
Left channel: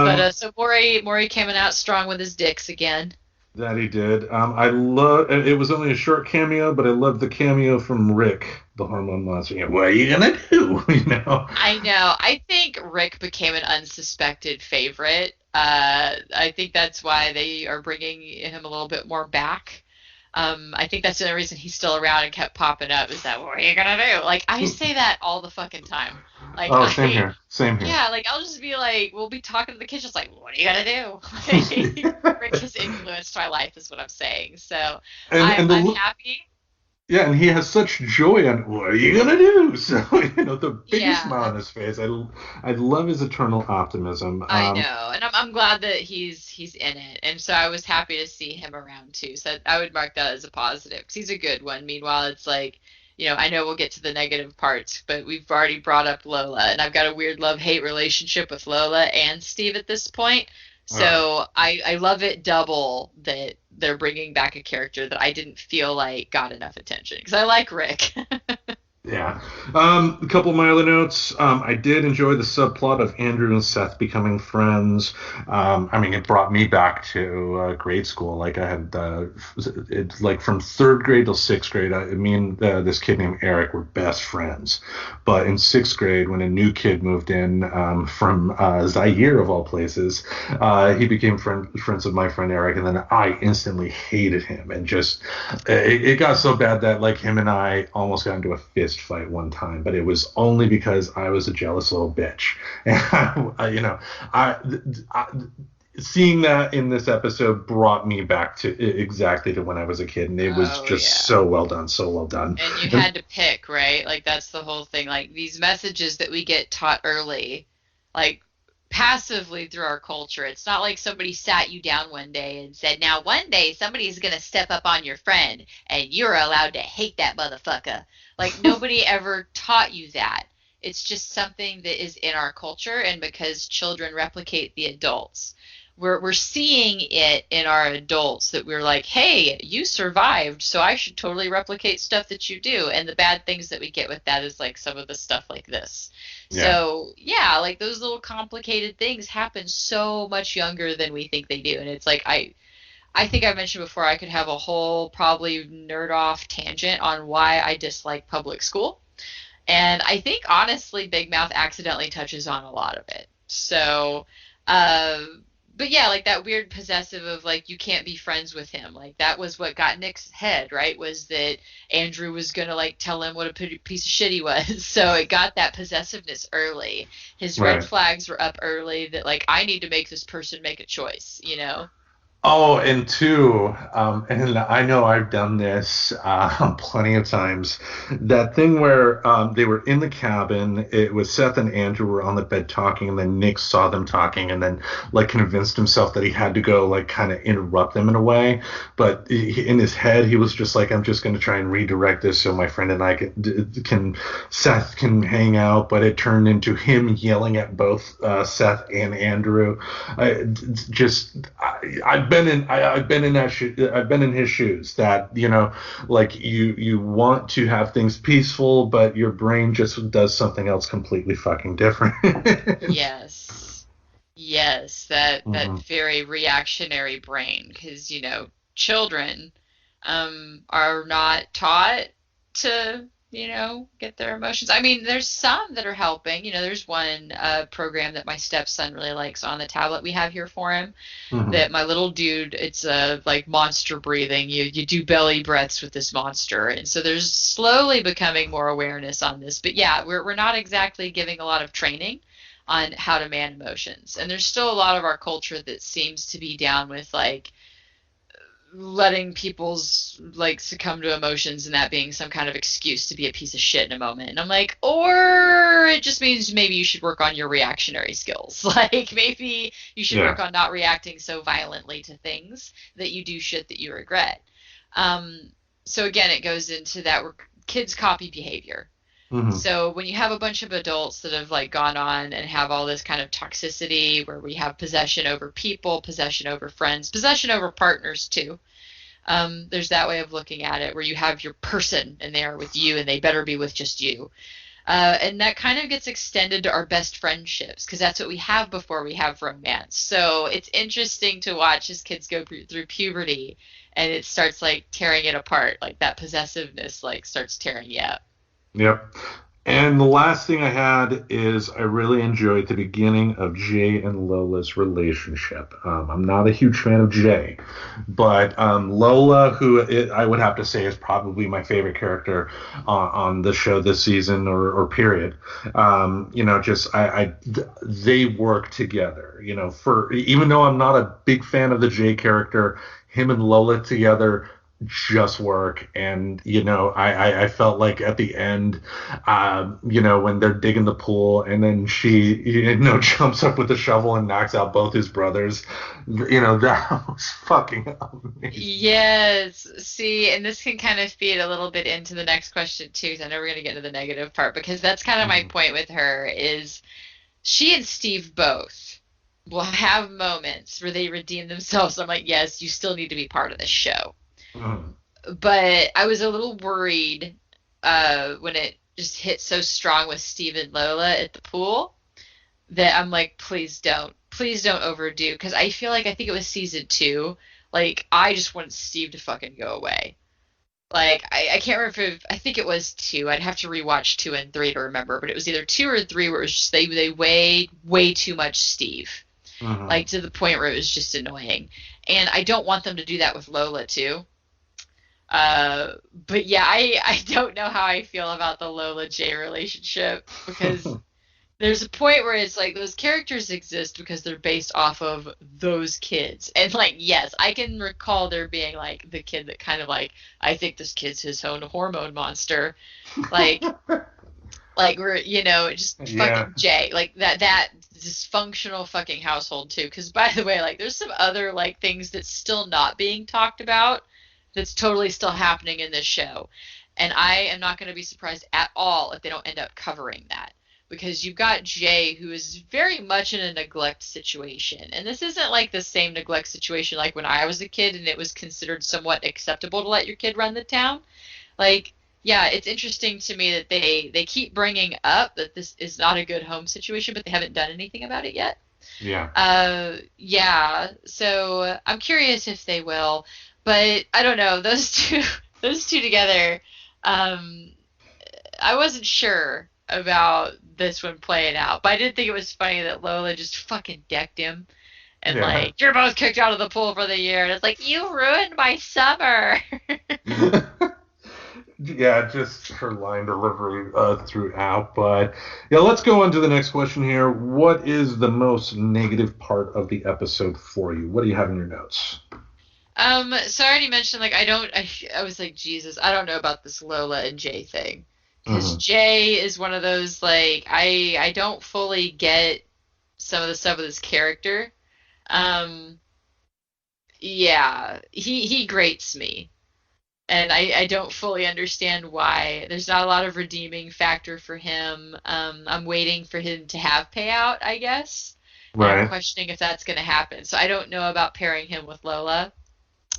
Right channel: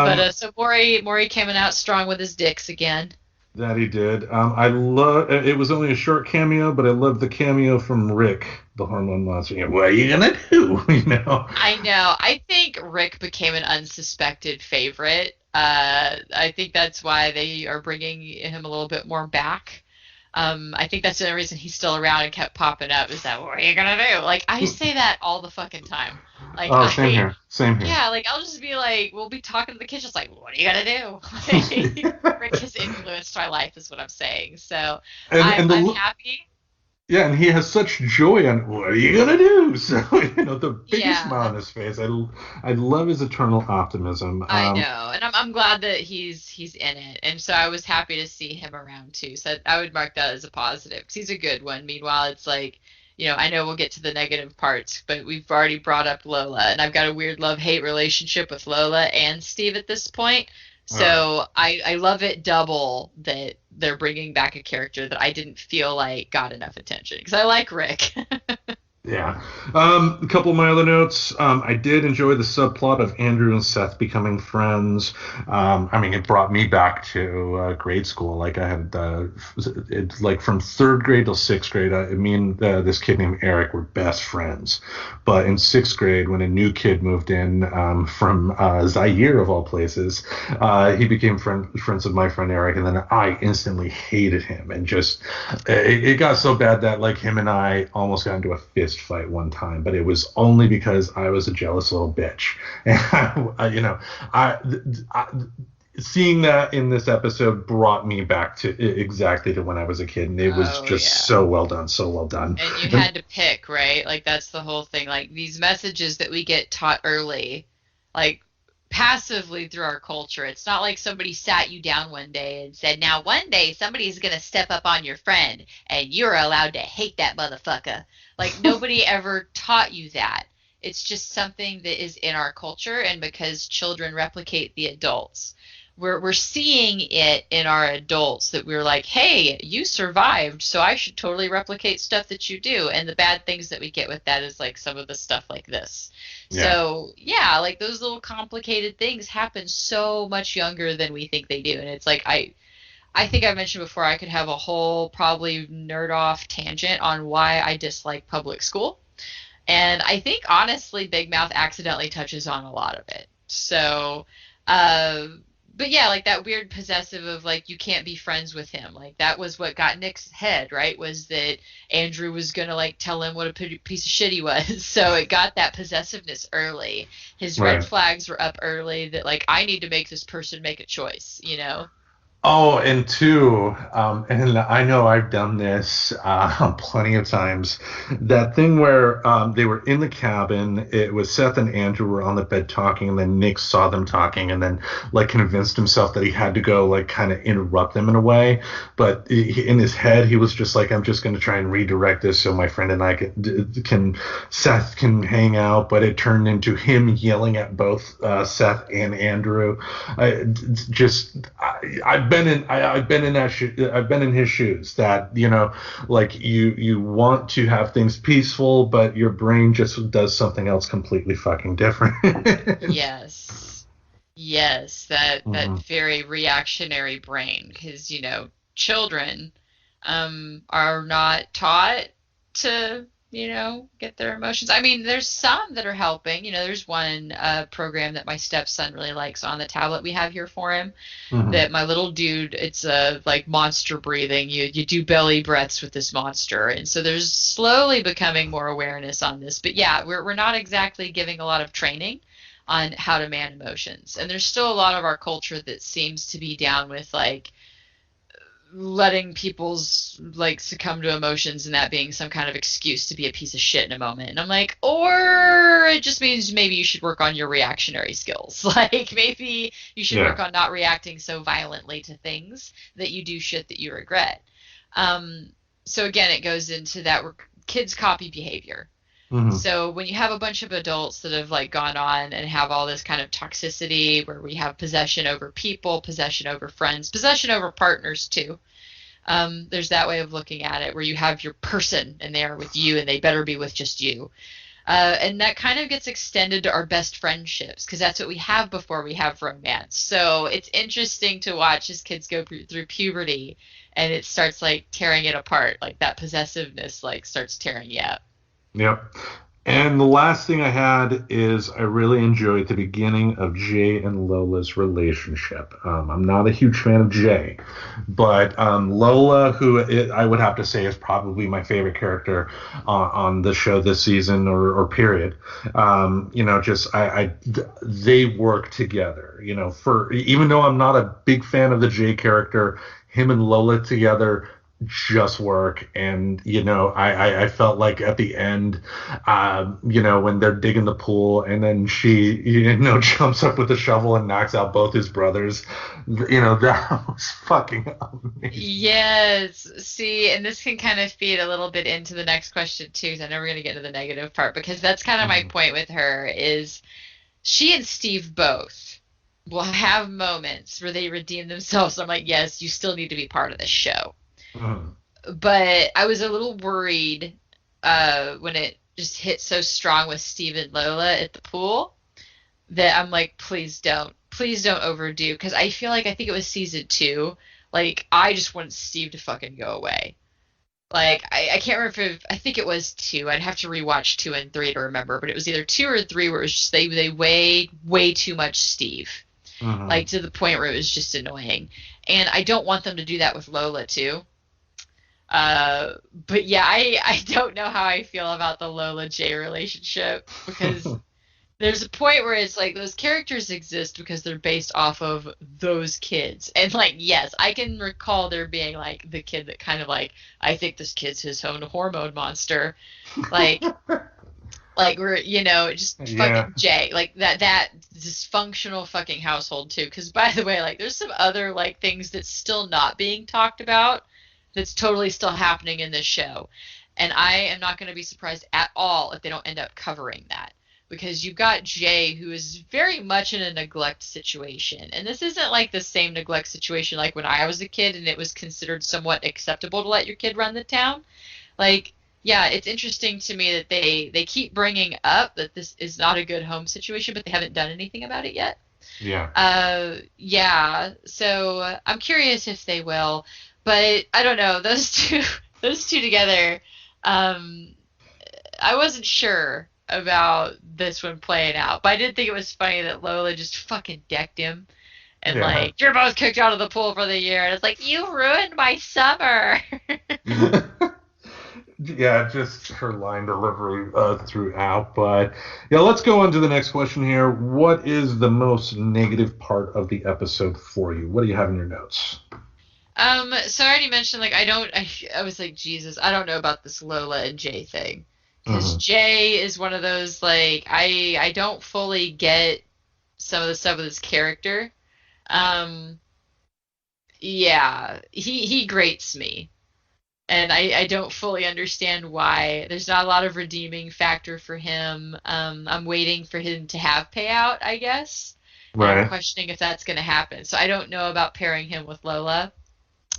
But Um, so Maury coming out strong with his dicks again. that he did. I love. It was only a short cameo, but I love the cameo from Rick, the hormone monster. You know, what are you gonna do? You know. I know. I think Rick became an unsuspected favorite. I think that's why they are bringing him a little bit more back. I think that's the only reason he's still around and kept popping up is that what are you gonna do? Like I say that all the fucking time. Like Oh, same I here. Same here. Yeah, like I'll just be like, we'll be talking in the kitchen, it's like, what are you gonna do? Like, Rick has influenced my life, is what I'm saying. So And I'm the happy. yeah, and he has such joy on what are you gonna do? So you know, the biggest smile Yeah, on his face. I love his eternal optimism. I know, and I'm glad that he's in it, and so I was happy to see him around too. So I would mark that as a positive because he's a good one. Meanwhile, it's like, I know we'll get to the negative parts, but we've already brought up Lola, and I've got a weird love-hate relationship with Lola and Steve at this point. Uh, So I love it double that they're bringing back a character that I didn't feel like got enough attention because I like Rick. Yeah. A couple of my other notes. I did enjoy the subplot of Andrew and Seth becoming friends. I mean, it brought me back to grade school. Like I had, it's like from third grade till sixth grade. Me and this kid named Eric were best friends. But in sixth grade, when a new kid moved in from Zaire of all places, he became friends with my friend Eric, and then I instantly hated him, and just it got so bad that like him and I almost got into a fist fight one time, but it was only because I was a jealous little bitch. And I, I seeing that in this episode brought me back to exactly to when I was a kid, and it was Oh just yeah. so well done, so well done. And you And, had to pick, right? Like that's the whole thing. Like these messages that we get taught early, like passively through our culture. It's not like somebody sat you down one day and said, "Now one day somebody's going to step up on your friend and you're allowed to hate that motherfucker." Like nobody ever taught you that. It's just something that is in our culture, and because children replicate the adults, we're seeing it in our adults that we're like, hey, you survived, so I should totally replicate stuff that you do. And the bad things that we get with that is like some of the stuff like this. yeah. So yeah, like those little complicated things happen so much younger than we think they do. And it's like I think I mentioned before I could have a whole probably nerd off tangent on why I dislike public school. And I think honestly, Big Mouth accidentally touches on a lot of it. So, uh, but yeah, like that weird possessive of like you can't be friends with him. Like that was what got Nick's head, right? Was that Andrew was gonna like tell him what a piece of shit he was. So it got that possessiveness early. His red Right. flags were up early that like I need to make this person make a choice, you know? Oh, and two, and I know I've done this plenty of times. That thing where they were in the cabin, it was Seth and Andrew were on the bed talking, and then Nick saw them talking, and then like convinced himself that he had to go like kind of interrupt them in a way. But in his head, he was just like, I'm just going to try and redirect this so my friend and I can Seth can hang out. But it turned into him yelling at both Seth and Andrew. I've been in I've been in his shoes that like you want to have things peaceful, but your brain just does something else completely fucking different. Yes. Yes, that Mhm. very reactionary brain, because children are not taught to get their emotions. I mean, there's some that are helping. There's one program that my stepson really likes on the tablet we have here for him. Mm-hmm. That my little dude, it's like monster breathing. You do belly breaths with this monster, and so there's slowly becoming more awareness on this. But yeah, we're not exactly giving a lot of training on how to man emotions, and there's still a lot of our culture that seems to be down with like letting people's like succumb to emotions and that being some kind of excuse to be a piece of shit in a moment. And I'm like, or it just means maybe you should work on your reactionary skills. Like maybe you should Yeah. work on not reacting so violently to things that you do shit that you regret. Um, so again, it goes into that where kids copy behavior. Mm-hmm. So when you have a bunch of adults that have like gone on and have all this kind of toxicity where we have possession over people, possession over friends, possession over partners too. There's that way of looking at it where you have your person and they are with you and they better be with just you. And that kind of gets extended to our best friendships because that's what we have before we have romance. So it's interesting to watch as kids go through puberty and it starts like tearing it apart. Like that possessiveness like starts tearing you up. Yep. And the last thing I had is I really enjoyed the beginning of Jay and Lola's relationship. I'm not a huge fan of Jay, but Lola, I would have to say is probably my favorite character on the show this season or period. Just they work together. For even though I'm not a big fan of the Jay character, him and Lola together just work. And I felt like at the end, when they're digging the pool and then she jumps up with the shovel and knocks out both his brothers, that was fucking amazing. Yes. See, and this can kind of feed a little bit into the next question too. So I know we're going to get into the negative part because that's kind of my Mhm. point with her is she and Steve both will have moments where they redeem themselves. I'm like, yes, you still need to be part of the show. Mhm. But I was a little worried when it just hit so strong with Steve and Lola at the pool that I'm like, please don't overdo because I think it was season two. Like I just want Steve to fucking go away. Like I can't remember if I think it was two. I'd have to rewatch two and three to remember, but it was either two or three where it was just they way too much Steve, like Mhm. to the point where it was just annoying. And I don't want them to do that with Lola too. But yeah, I don't know how I feel about the Lola J relationship because there's a point where it's like those characters exist because they're based off of those kids. And like, yes, I can recall there being like the kid that kind of like, I think this kid's his own hormone monster. Like, like we're, just Yeah. fucking Jay, like that dysfunctional fucking household too. Because by the way, like there's some other like things that's still not being talked about that's totally still happening in this show. And I am not going to be surprised at all if they don't end up covering that. Because you've got Jay, who is very much in a neglect situation. And this isn't like the same neglect situation like when I was a kid and it was considered somewhat acceptable to let your kid run the town. Like, yeah, it's interesting to me that they keep bringing up that this is not a good home situation, but they haven't done anything about it yet. Yeah. Yeah, so I'm curious if they will, but I don't know. Those two, those two together, um, I wasn't sure about this one playing out, but I did think it was funny that Lola just fucking decked him and Yeah. like, you're both kicked out of the pool for the year, and it's like, you ruined my summer. Yeah, just her line delivery throughout. But yeah, let's go on to the next question here. What is the most negative part of the episode for you? What do you have in your notes? So I already mentioned like I was like Jesus, I don't know about this Lola and Jay thing because Hmm. Jay is one of those like I don't fully get some of the stuff with his character. Um, yeah, he grates me, and I don't fully understand why. There's not a lot of redeeming factor for him. I'm waiting for him to have payout, I guess, and I'm Right. questioning if that's going to happen. So I don't know about pairing him with Lola.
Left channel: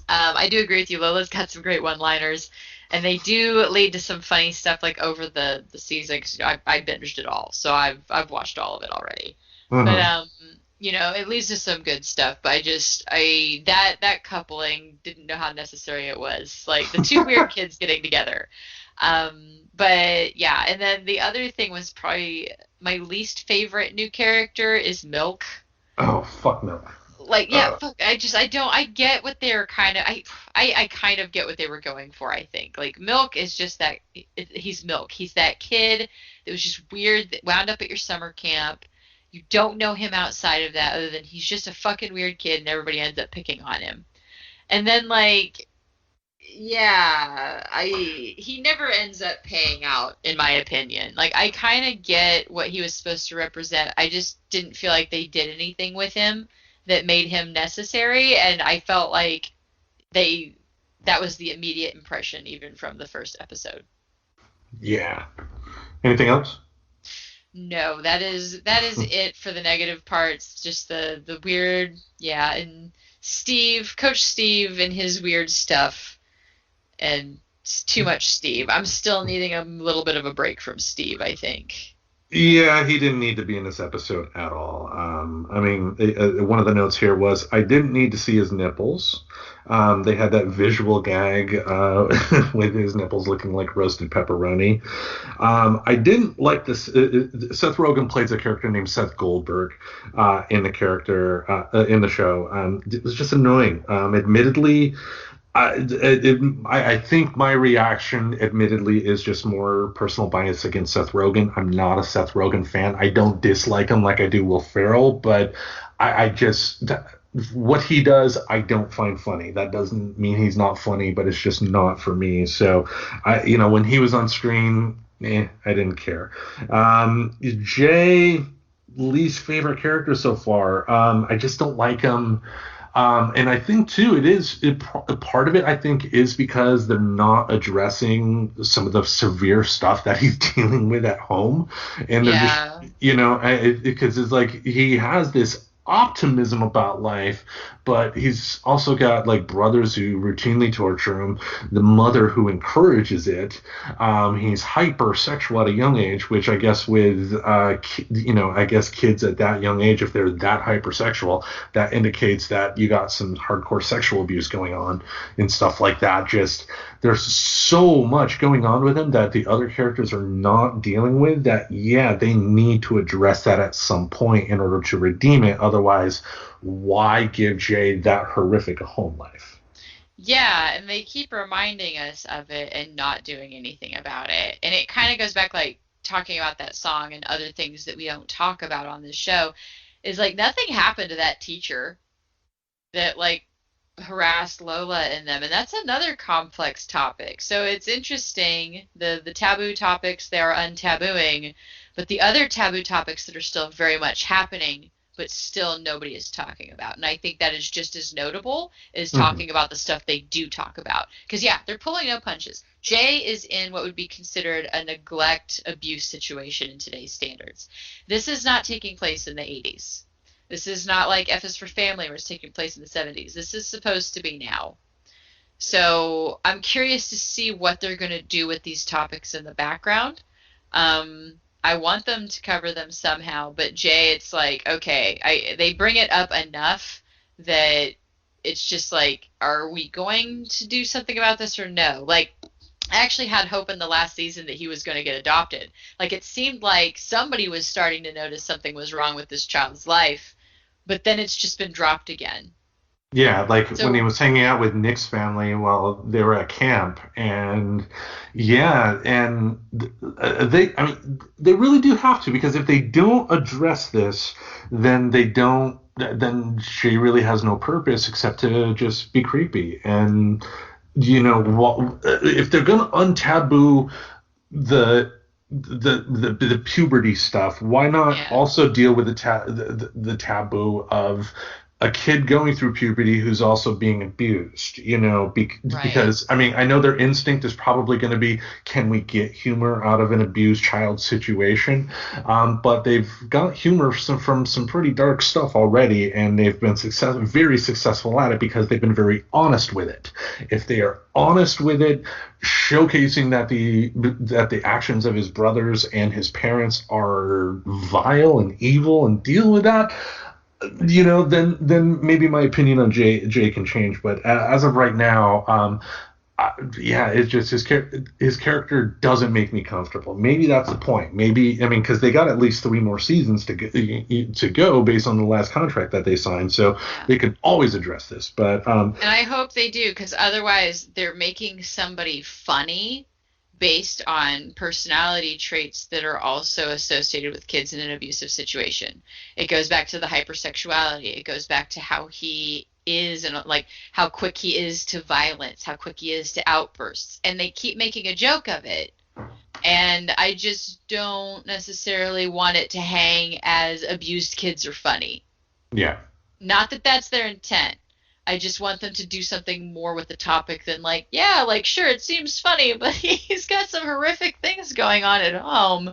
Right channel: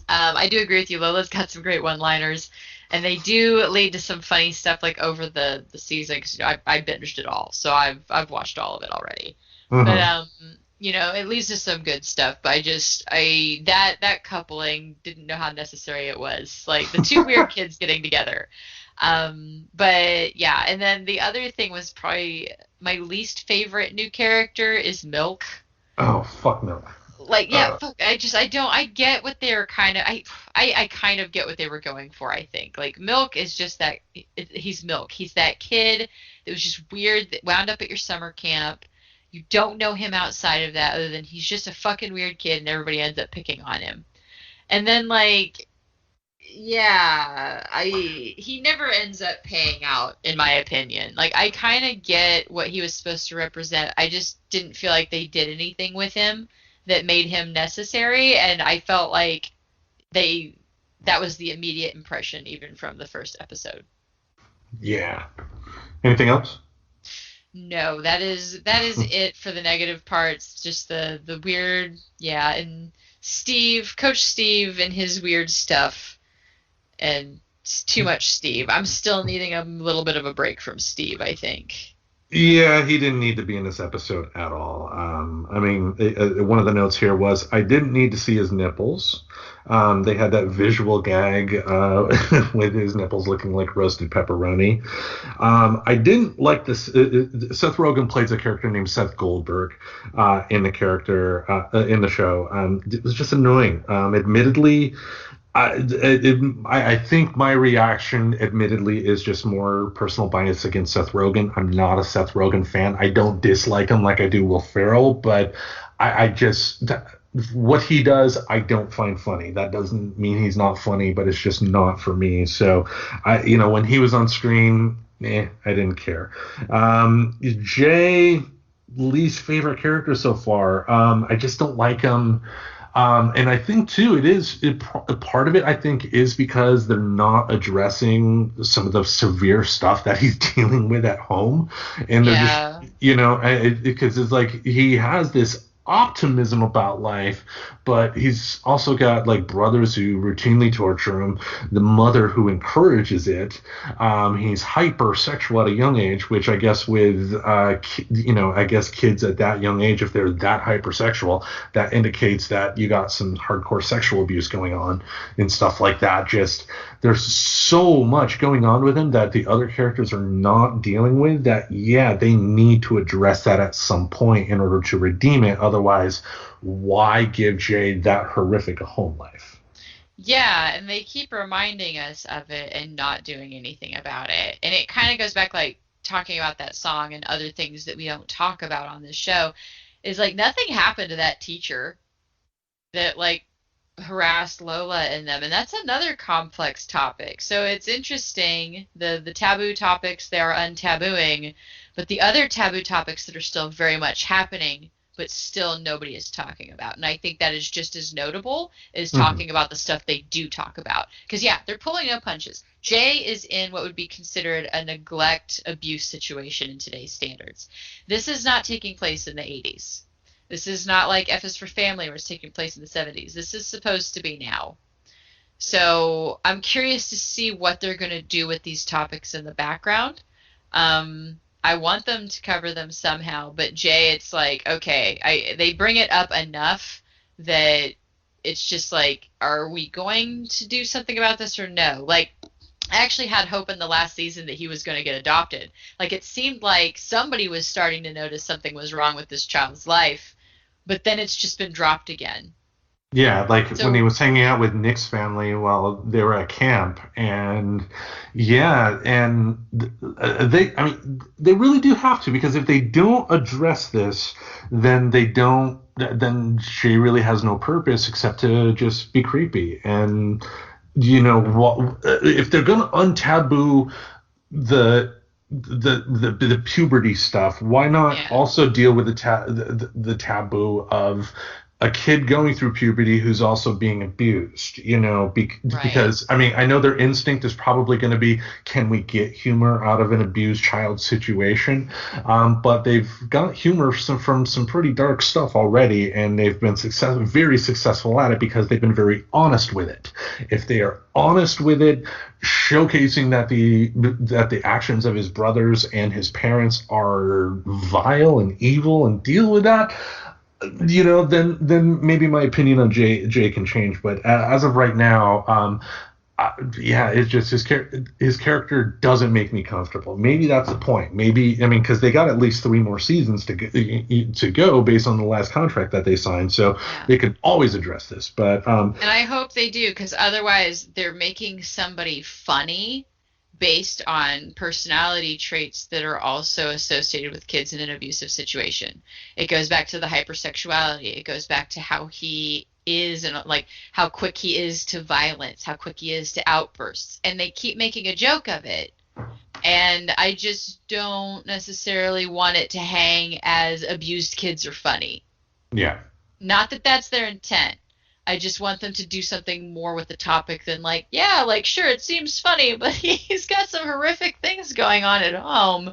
I do agree with you. Lola's got some great one-liners, and they do lead to some funny stuff like over the season because I binged it all, so I've watched all of it already. But Hmm. it leads to some good stuff, but that coupling didn't know how necessary it was. Like the two weird kids getting together. But yeah, and then the other thing was probably my least favorite new character is Milk. Oh, fuck no. Like, yeah, Uh, fuck, I get what they were kind of, I kind of get what they were going for, I think. Like, Milk is just that, he's Milk. He's that kid that was just weird, that wound up at your summer camp. You don't know him outside of that, other than he's just a fucking weird kid and everybody ends up picking on him. And then, like, yeah, he never ends up paying out, in my opinion. Like, I kind of get what he was supposed to represent. I just didn't feel like they did anything with him that made him necessary, and I felt like they that was the immediate impression even from the first episode. yeah. Anything else? No, that is it for the negative parts. Just the weird, yeah, and Coach Steve and his weird stuff, and it's too much Steve. I'm still needing a little bit of a break from Steve, I think. Yeah, he didn't need to be in this episode at all. I mean, one of the notes here was I didn't need to see his nipples. They had that visual gag with his nipples looking like roasted pepperoni. I didn't like this. Seth Rogen plays a character named Seth Goldberg in the show. It was just annoying. Admittedly, I think my reaction, admittedly, is just more personal bias against Seth Rogen. I'm not a Seth Rogen fan. I don't dislike him like I do Will Ferrell, but I just what he does, I don't find funny. That doesn't mean he's not funny, but it's just not for me. So, when he was on screen, I didn't care. Jay, least favorite character so far. I just don't like him. And I think too, part of it, I think, is because they're not addressing some of the severe stuff that he's dealing with at home, and they're just, Yeah. because it's like he has this optimism about life, but he's also got like brothers who routinely torture him, the mother who encourages it. He's hypersexual at a young age, which I guess I guess kids at that young age, if they're that hypersexual, that indicates that you got some hardcore sexual abuse going on and stuff like that. Just there's so much going on with him that the other characters are not dealing with that. Yeah, they need to address that at some point in order to redeem it. Otherwise, why give Jay that horrific a home life? Yeah, and they keep reminding us of it and not doing anything about it. And it kind of goes back, like talking about that song and other things that we don't talk about on this show, is like nothing happened to that teacher that like harassed Lola and them, and that's another complex topic. So it's interesting, the taboo topics they are untabooing, but the other taboo topics that are still very much happening, but still nobody is talking about. And I think that is just as notable as Mm-hmm. talking about the stuff they do talk about. Because yeah, they're pulling no punches. Jay is in what would be considered a neglect abuse situation in today's standards. This is not taking place in the 80s. This is not like F is for Family, where it's taking place in the 70s. This is supposed to be now. So I'm curious to see what they're going to do with these topics in the background. I want them to cover them somehow, but Jay, it's like, okay, they bring it up enough that it's just like, are we going to do something about this or no? Like, I actually had hope in the last season that he was going to get adopted. Like, it seemed like somebody was starting to notice something was wrong with this child's life, but then it's just been dropped again. Yeah, like when he So, was hanging out with Nick's family while they were at camp, and yeah, and I mean, they really do have to, because if they don't address this, then then Shay really has no purpose except to just be creepy. And if they're gonna untaboo the the puberty stuff, why not yeah, also deal with the taboo of a kid going through puberty who's also being abused, right. because I mean, I know their instinct is probably going to be, can we get humor out of an abused child situation? But they've got humor from some pretty dark stuff already, and they've been very successful at it because they've been very honest with it. If they are honest with it, showcasing that the actions of his brothers and his parents are vile and evil, and deal with that, then maybe my opinion on Jay can change. But as of right now, yeah, it's just his character doesn't make me comfortable. Maybe that's the point. Maybe I mean because they got at least 3 more seasons to go based on the last contract that they signed, so Yeah. they could always address this. But And I hope they do, because otherwise they're making somebody funny based on personality traits that are also associated with kids in an abusive situation. It goes back to the hypersexuality. It goes back to how he is, and like how quick he is to violence, how quick he is to outbursts. And they keep making a joke of it. And I just don't necessarily want it to hang as abused kids are funny. yeah, Not that that's their intent. I just want them to do something more with the topic than like, yeah, like sure, it seems funny, but he's got some horrific things going on at home.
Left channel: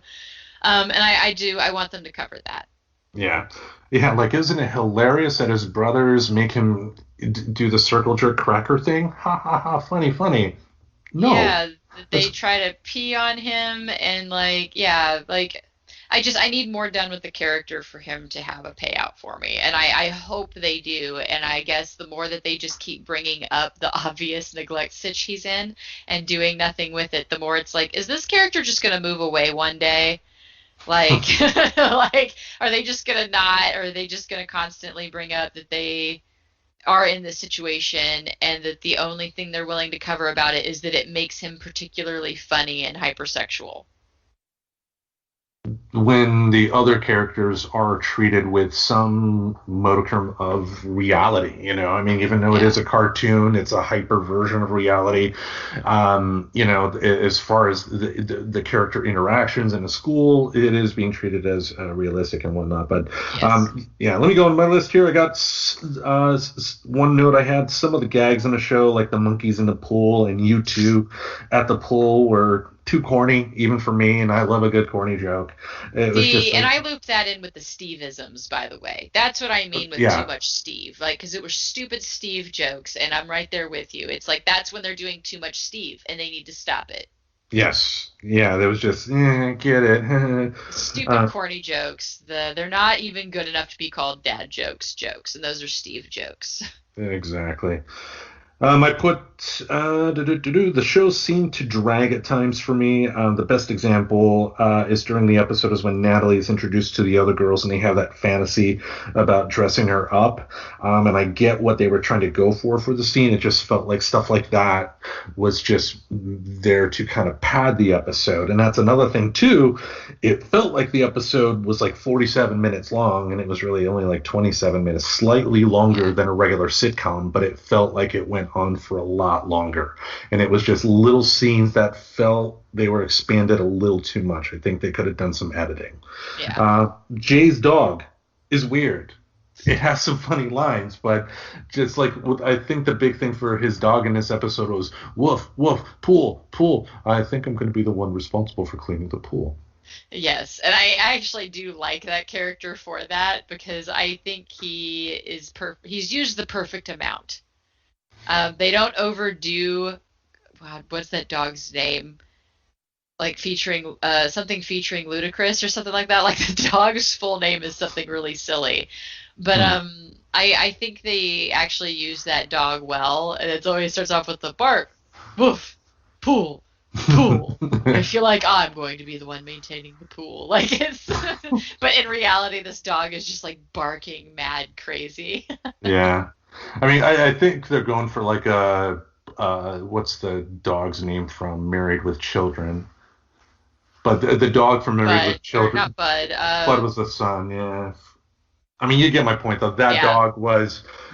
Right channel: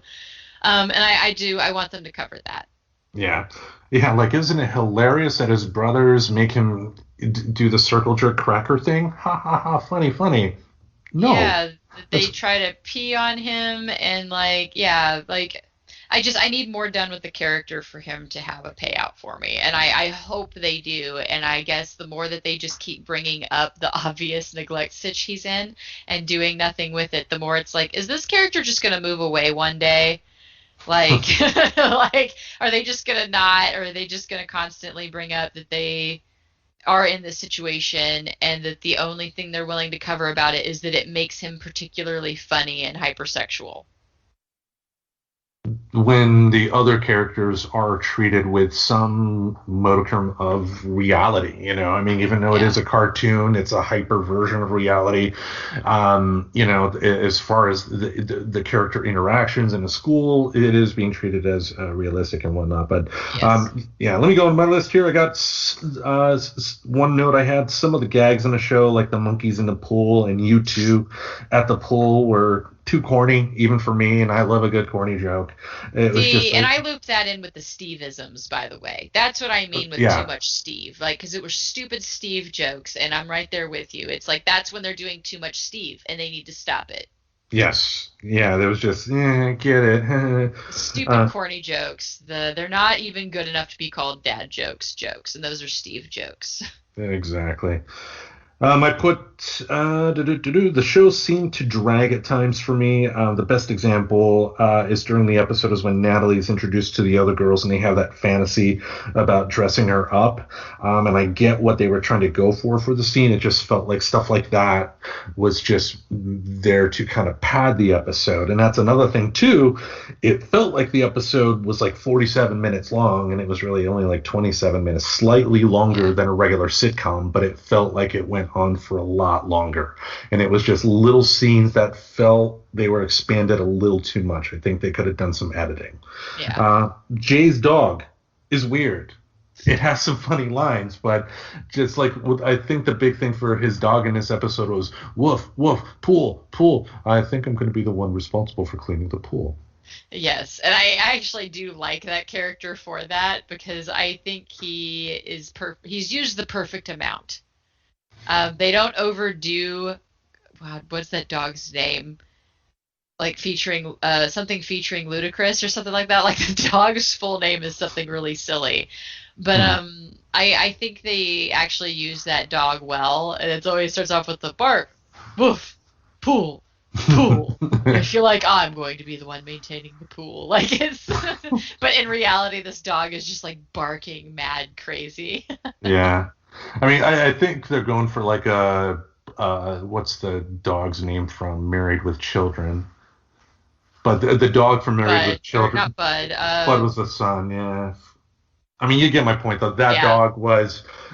And I want them to cover that. yeah, yeah. Like, isn't it hilarious that his brothers make him do the circle jerk cracker thing? Ha ha ha! Funny, funny. No, Yeah, they that's try to pee on him and like, yeah, like I need more done with the character for him to have a payout for me. And I hope they do. And I guess the more that they just keep bringing up the obvious neglect stitch he's in and doing nothing with it, the more it's like, is this character just going to move away one day? Like, like, are they just going to not, or are they just going to constantly bring up that they are in this situation and that the only thing they're willing to cover about it is that it makes him particularly funny and hypersexual? when the other characters are treated with some modicum of reality. I mean, even though it Yeah. is a cartoon, it's a hyper version of reality. As far as the character interactions in the school, it is being treated as realistic and whatnot. But Yes. yeah, let me go on my list here. I got one note. I had some of the gags in the show, like the monkeys in the pool and you two at the pool, were too corny even for me, and I love a good corny joke. It was See, just and like, I looped that in with the Steve-isms, by the way. That's what I mean with too yeah, much Steve. Like, because it were stupid Steve jokes, and I'm right there with you. It's like that's when they're doing too much Steve, and they need to stop it. yes, yeah, there was just, get it. Stupid, uh, corny jokes. They're not even good enough to be called dad jokes, and those are Steve jokes. exactly. I put the show seemed to drag at times for me. The best example is during the episode is when Natalie is introduced to the other girls and they have that fantasy about dressing her up. And I get what they were trying to go for the scene. It just felt like stuff like that was just there to kind of pad the episode. And that's another thing too. It felt like the episode was like 47 minutes long, and it was really only like 27 minutes, slightly longer Yeah. than a regular sitcom, but it felt like it went on for a lot longer. And it was just little scenes that felt they were expanded a little too much. I think they could have done some editing. Yeah. Jay's dog is weird. It has some funny lines, but just like I think the big thing for his dog in this episode was woof, woof, pool, pool. I think I'm going to be the one responsible for cleaning the pool. Yes, and I actually do like that character for that because I think he's used the perfect amount. They don't overdo. Wow, what's that dog's name? Like featuring something featuring Ludacris or something like that. Like the dog's full name is something really silly, but Hmm. I think they actually use that dog well, and it always starts off with the bark, woof, pool, pool. I feel like I'm going to be the one maintaining the pool. Like it's, but in reality, this dog is just like barking mad crazy. Yeah. I mean, I think they're going for like a what's the dog's name from Married with Children? But the dog from Married Bud, with or not Children, Bud. Bud was the son, yeah. I mean, you get my point though. Yeah,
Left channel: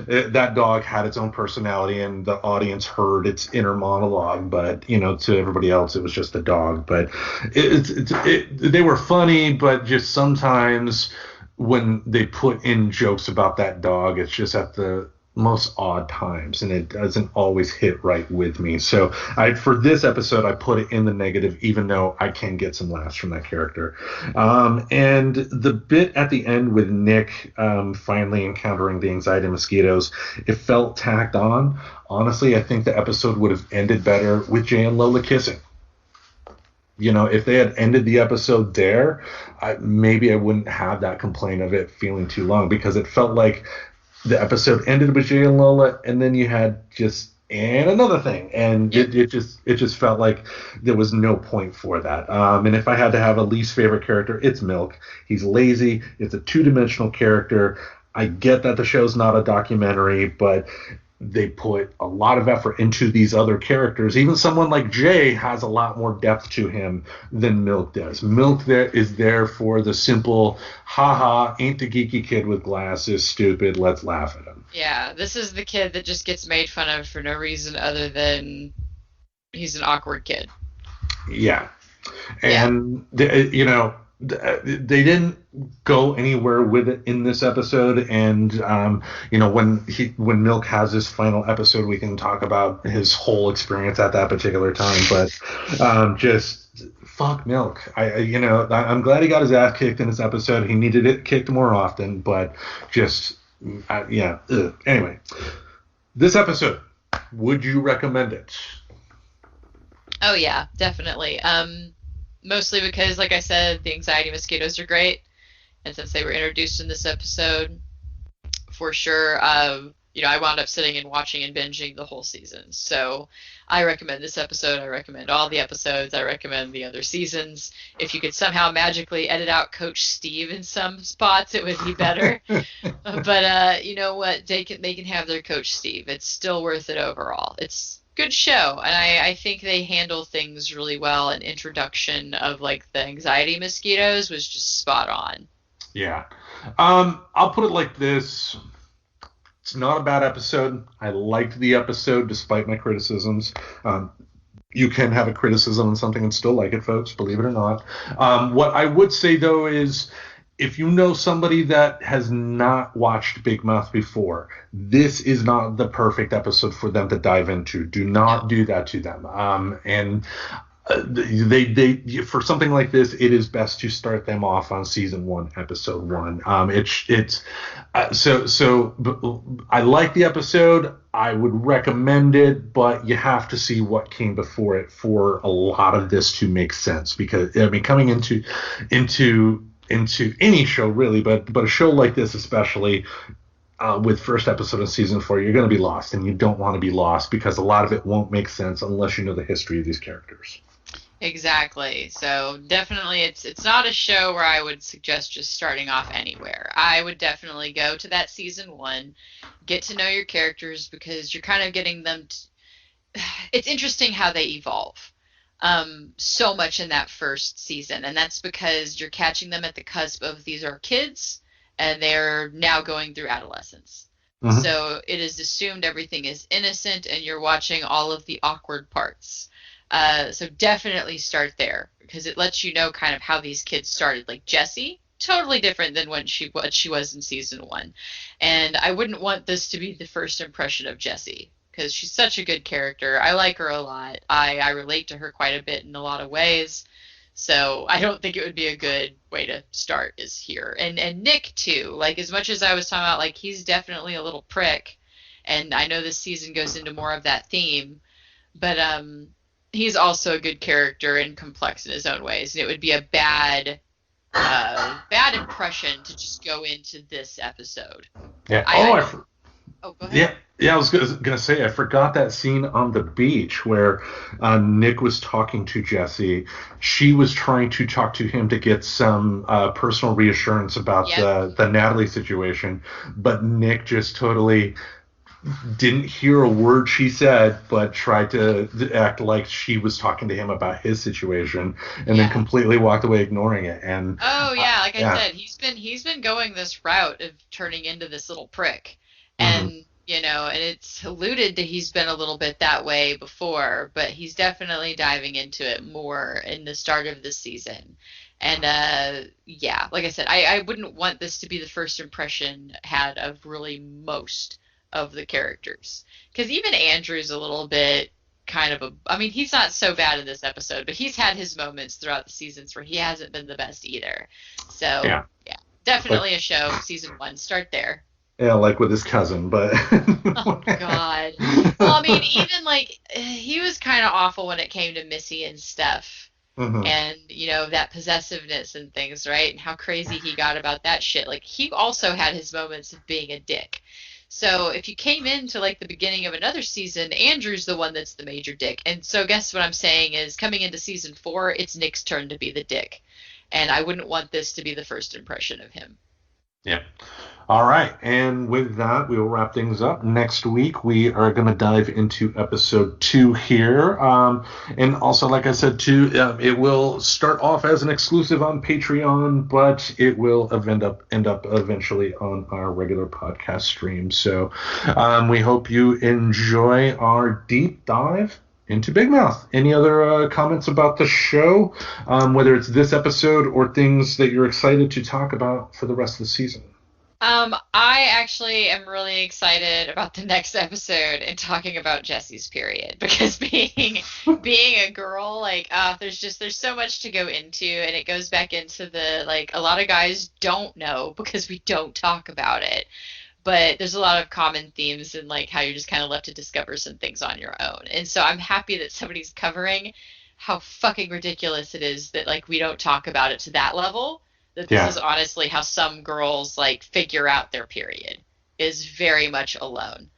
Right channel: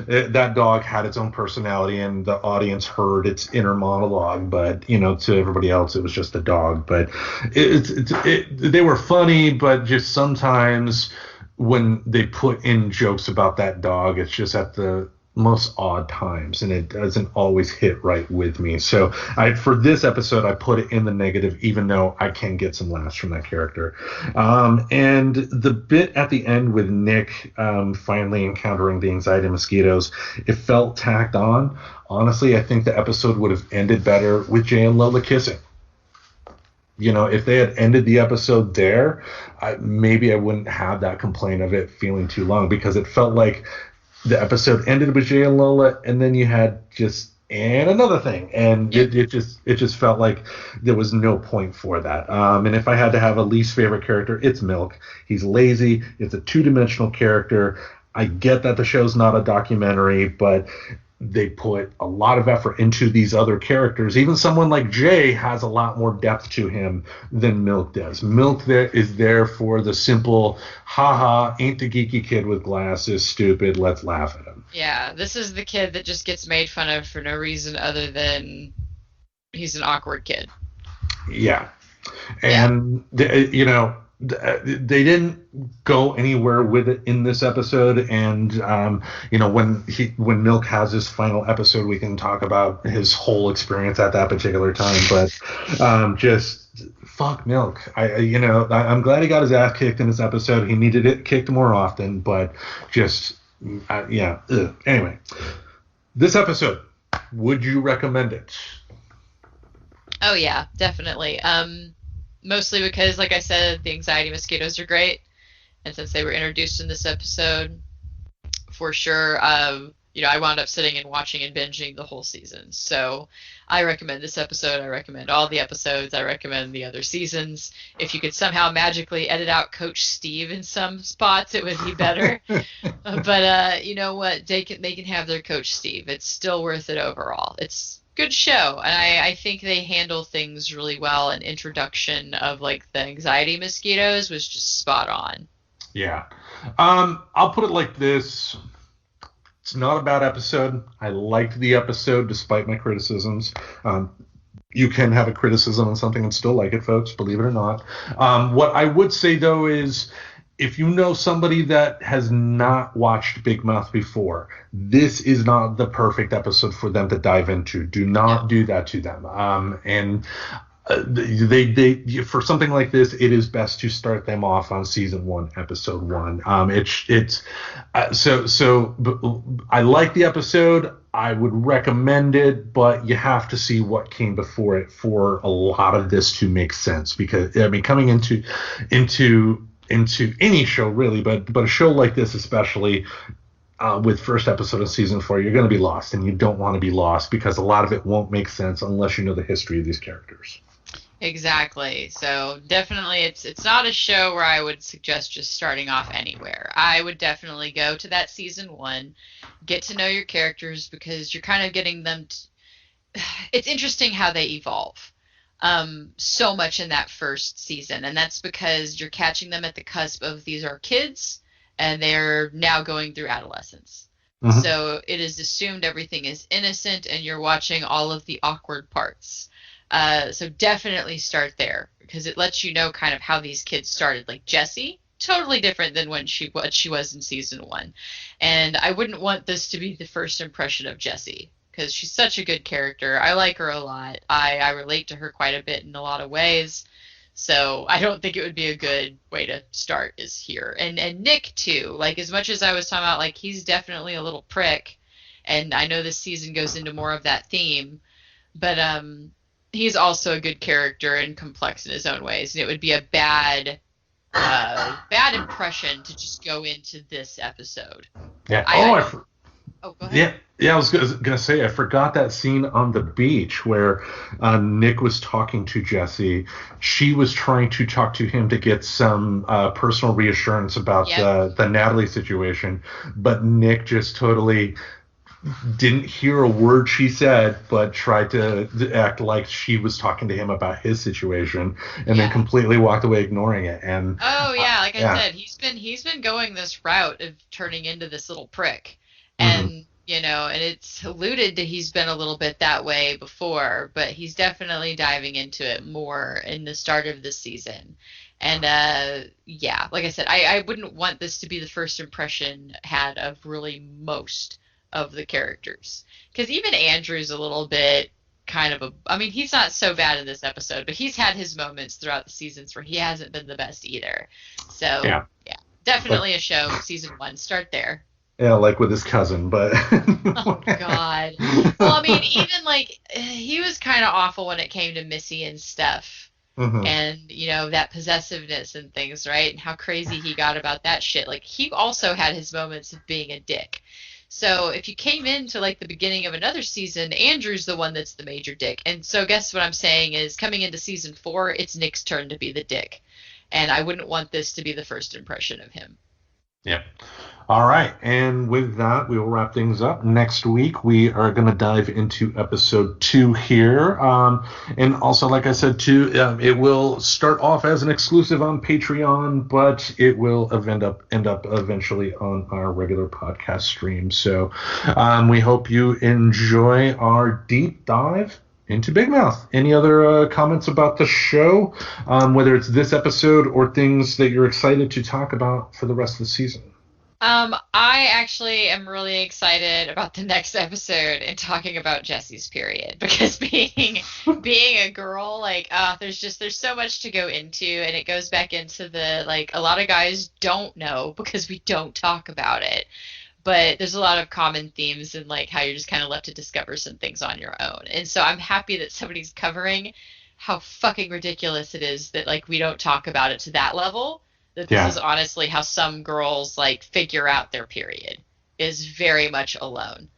That dog had its own personality, and the audience heard its inner monologue. But to everybody else, it was just a dog. But they were funny, but just sometimes when they put in jokes about that dog, it's just at the most odd times, and it doesn't always hit right with me. So for this episode, I put it in the negative, even though I can get some laughs from that character. And the bit at the end with Nick finally encountering the anxiety mosquitoes, it felt tacked on. Honestly, I think the episode would have ended better with Jay and Lola kissing. if they had ended the episode there, maybe I wouldn't have that complaint of it feeling too long, because it felt like the episode ended with Jay and Lola, and then you had just and another thing, and Yep. it just felt like there was no point for that. And if I had to have a least favorite character, it's Milk. He's lazy. It's a two-dimensional character. I get that the show's not a documentary, but they put a lot of effort into these other characters. Even someone like Jay has a lot more depth to him than Milk does. Milk there is there for the simple, haha, ain't the geeky kid with glasses stupid, let's laugh at him. Yeah, this is the kid that just gets made fun of for no reason other than he's an awkward kid. Yeah. Yeah. And they didn't go anywhere with it in this episode. And when Milk has his final episode, we can talk about his whole experience at that particular time. But just fuck Milk. I'm glad he got his ass kicked in this episode. He needed it kicked more often, but just yeah. Ugh. Anyway, this episode, would you recommend it? Oh yeah, definitely. Mostly because, like I said, the anxiety mosquitoes are great, and since they were introduced in this episode, for sure, I wound up sitting and watching and binging the whole season. So I recommend this episode. I recommend all the episodes. I recommend the other seasons. If you could somehow magically edit out Coach Steve in some spots, it would be better. But you know what? They can have their Coach Steve. It's still worth it overall. It's a good show, and I think they handle things really well. An introduction of like the anxiety mosquitoes was just spot on. Yeah. I'll put it like this. It's not a bad episode. I liked the episode despite my criticisms. You can have a criticism on something and still like it, folks, believe it or not. What I would say, though, is if you know somebody that has not watched Big Mouth before, this is not the perfect episode for them to dive into. Do not No. do that to them. And they for something like this, it is best to start them off on season 1, episode 1. It's I like the episode. I would recommend it, but you have to see what came before it for a lot of this to make sense. Because I mean, coming into any show really, but a show like this especially, with first episode of season 4, you're going to be lost, and you don't want to be lost because a lot of it won't make sense unless you know the history of these characters. Exactly. So definitely it's not a show where I would suggest just starting off anywhere. I would definitely go to that season 1, get to know your characters because you're kind of getting them it's interesting how they evolve. So much in that first season, and that's because you're catching them at the cusp of these are kids and they're now going through adolescence. Mm-hmm. So it is assumed everything is innocent and you're watching all of the awkward parts. So definitely start there because it lets you know kind of how these kids started. Like Jessie, totally different than what she was in season 1. And I wouldn't want this to be the first impression of Jessie because she's such a good character. I like her a lot. I relate to her quite a bit in a lot of ways. So I don't think it would be a good way to start is here. And Nick too. Like as much as I was talking about, like he's definitely a little prick, and I know this season goes into more of that theme, but he's also a good character and complex in his own ways. And it would be a bad impression to just go into this episode. Yeah. Oh, go ahead. Yeah. I was gonna say I forgot that scene on the beach where Nick was talking to Jesse. She was trying to talk to him to get some personal reassurance about Yep. the Natalie situation, but Nick just totally didn't hear a word she said, but tried to act like she was talking to him about his situation, and then Yeah. completely walked away ignoring it. And Oh yeah, like I yeah. said, he's been going this route of turning into this little prick. Hmm. And and it's alluded to he's been a little bit that way before, but he's definitely diving into it more in the start of this season. And yeah, like I said, I wouldn't want this to be the first impression had of really most of the characters. Because even Andrew's a little bit kind of I mean, he's not so bad in this episode, but he's had his moments throughout the seasons where he hasn't been the best either. So, Yeah. yeah, Like, definitely a show, season 1. Start there. yeah, like with his cousin, but Oh God. Well, I mean, even like he was kind of awful when it came to Missy and Steph. and, that possessiveness and things, right? And how crazy he got about that shit. Like, he also had his moments of being a dick. So if you came into like the beginning of another season, Andrew's the one that's the major dick. And so guess what I'm saying is, coming into season 4, it's Nick's turn to be the dick. And I wouldn't want this to be the first impression of him. Yeah. All right. And with that, we will wrap things up. Next week, we are going to dive into episode 2 here. And also, like I said, too, it will start off as an exclusive on Patreon, but it will end up eventually on our regular podcast stream. So we hope you enjoy our deep dive into Big Mouth. Any other comments about the show, whether it's this episode or things that you're excited to talk about for the rest of the season? I actually am really excited about the next episode and talking about Jesse's period, because being a girl, like, there's so much to go into, and it goes back into the, like, a lot of guys don't know because we don't talk about it. But there's a lot of common themes in, like, how you're just kind of left to discover some things on your own. And so I'm happy that somebody's covering how fucking ridiculous it is that, like, we don't talk about it to that level. That this is honestly how some girls, like, figure out their period, is very much alone.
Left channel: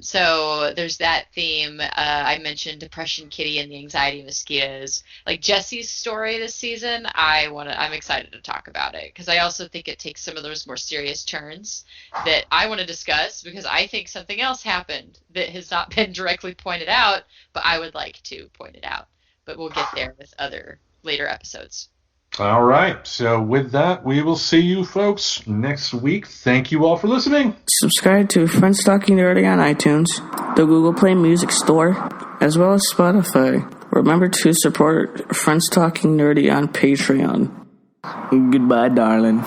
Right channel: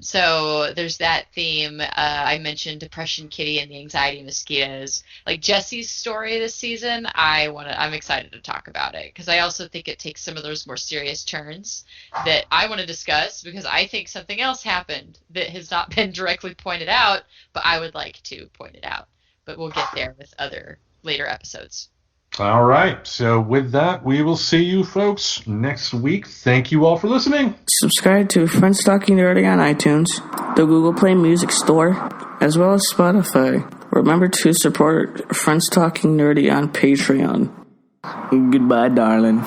So there's that theme. I mentioned Depression Kitty and the Anxiety Mosquitoes. Like, Jesse's story this season, I'm excited to talk about it, because I also think it takes some of those more serious turns that I want to discuss, because I think something else happened that has not been directly pointed out, but I would like to point it out. But we'll get there with other later episodes. All right. So with that, we will see you folks next week. Thank you all for listening. Subscribe to Friends Talking Nerdy on iTunes, the Google Play Music Store, as well as Spotify. Remember to support Friends Talking Nerdy on Patreon. Goodbye, darling.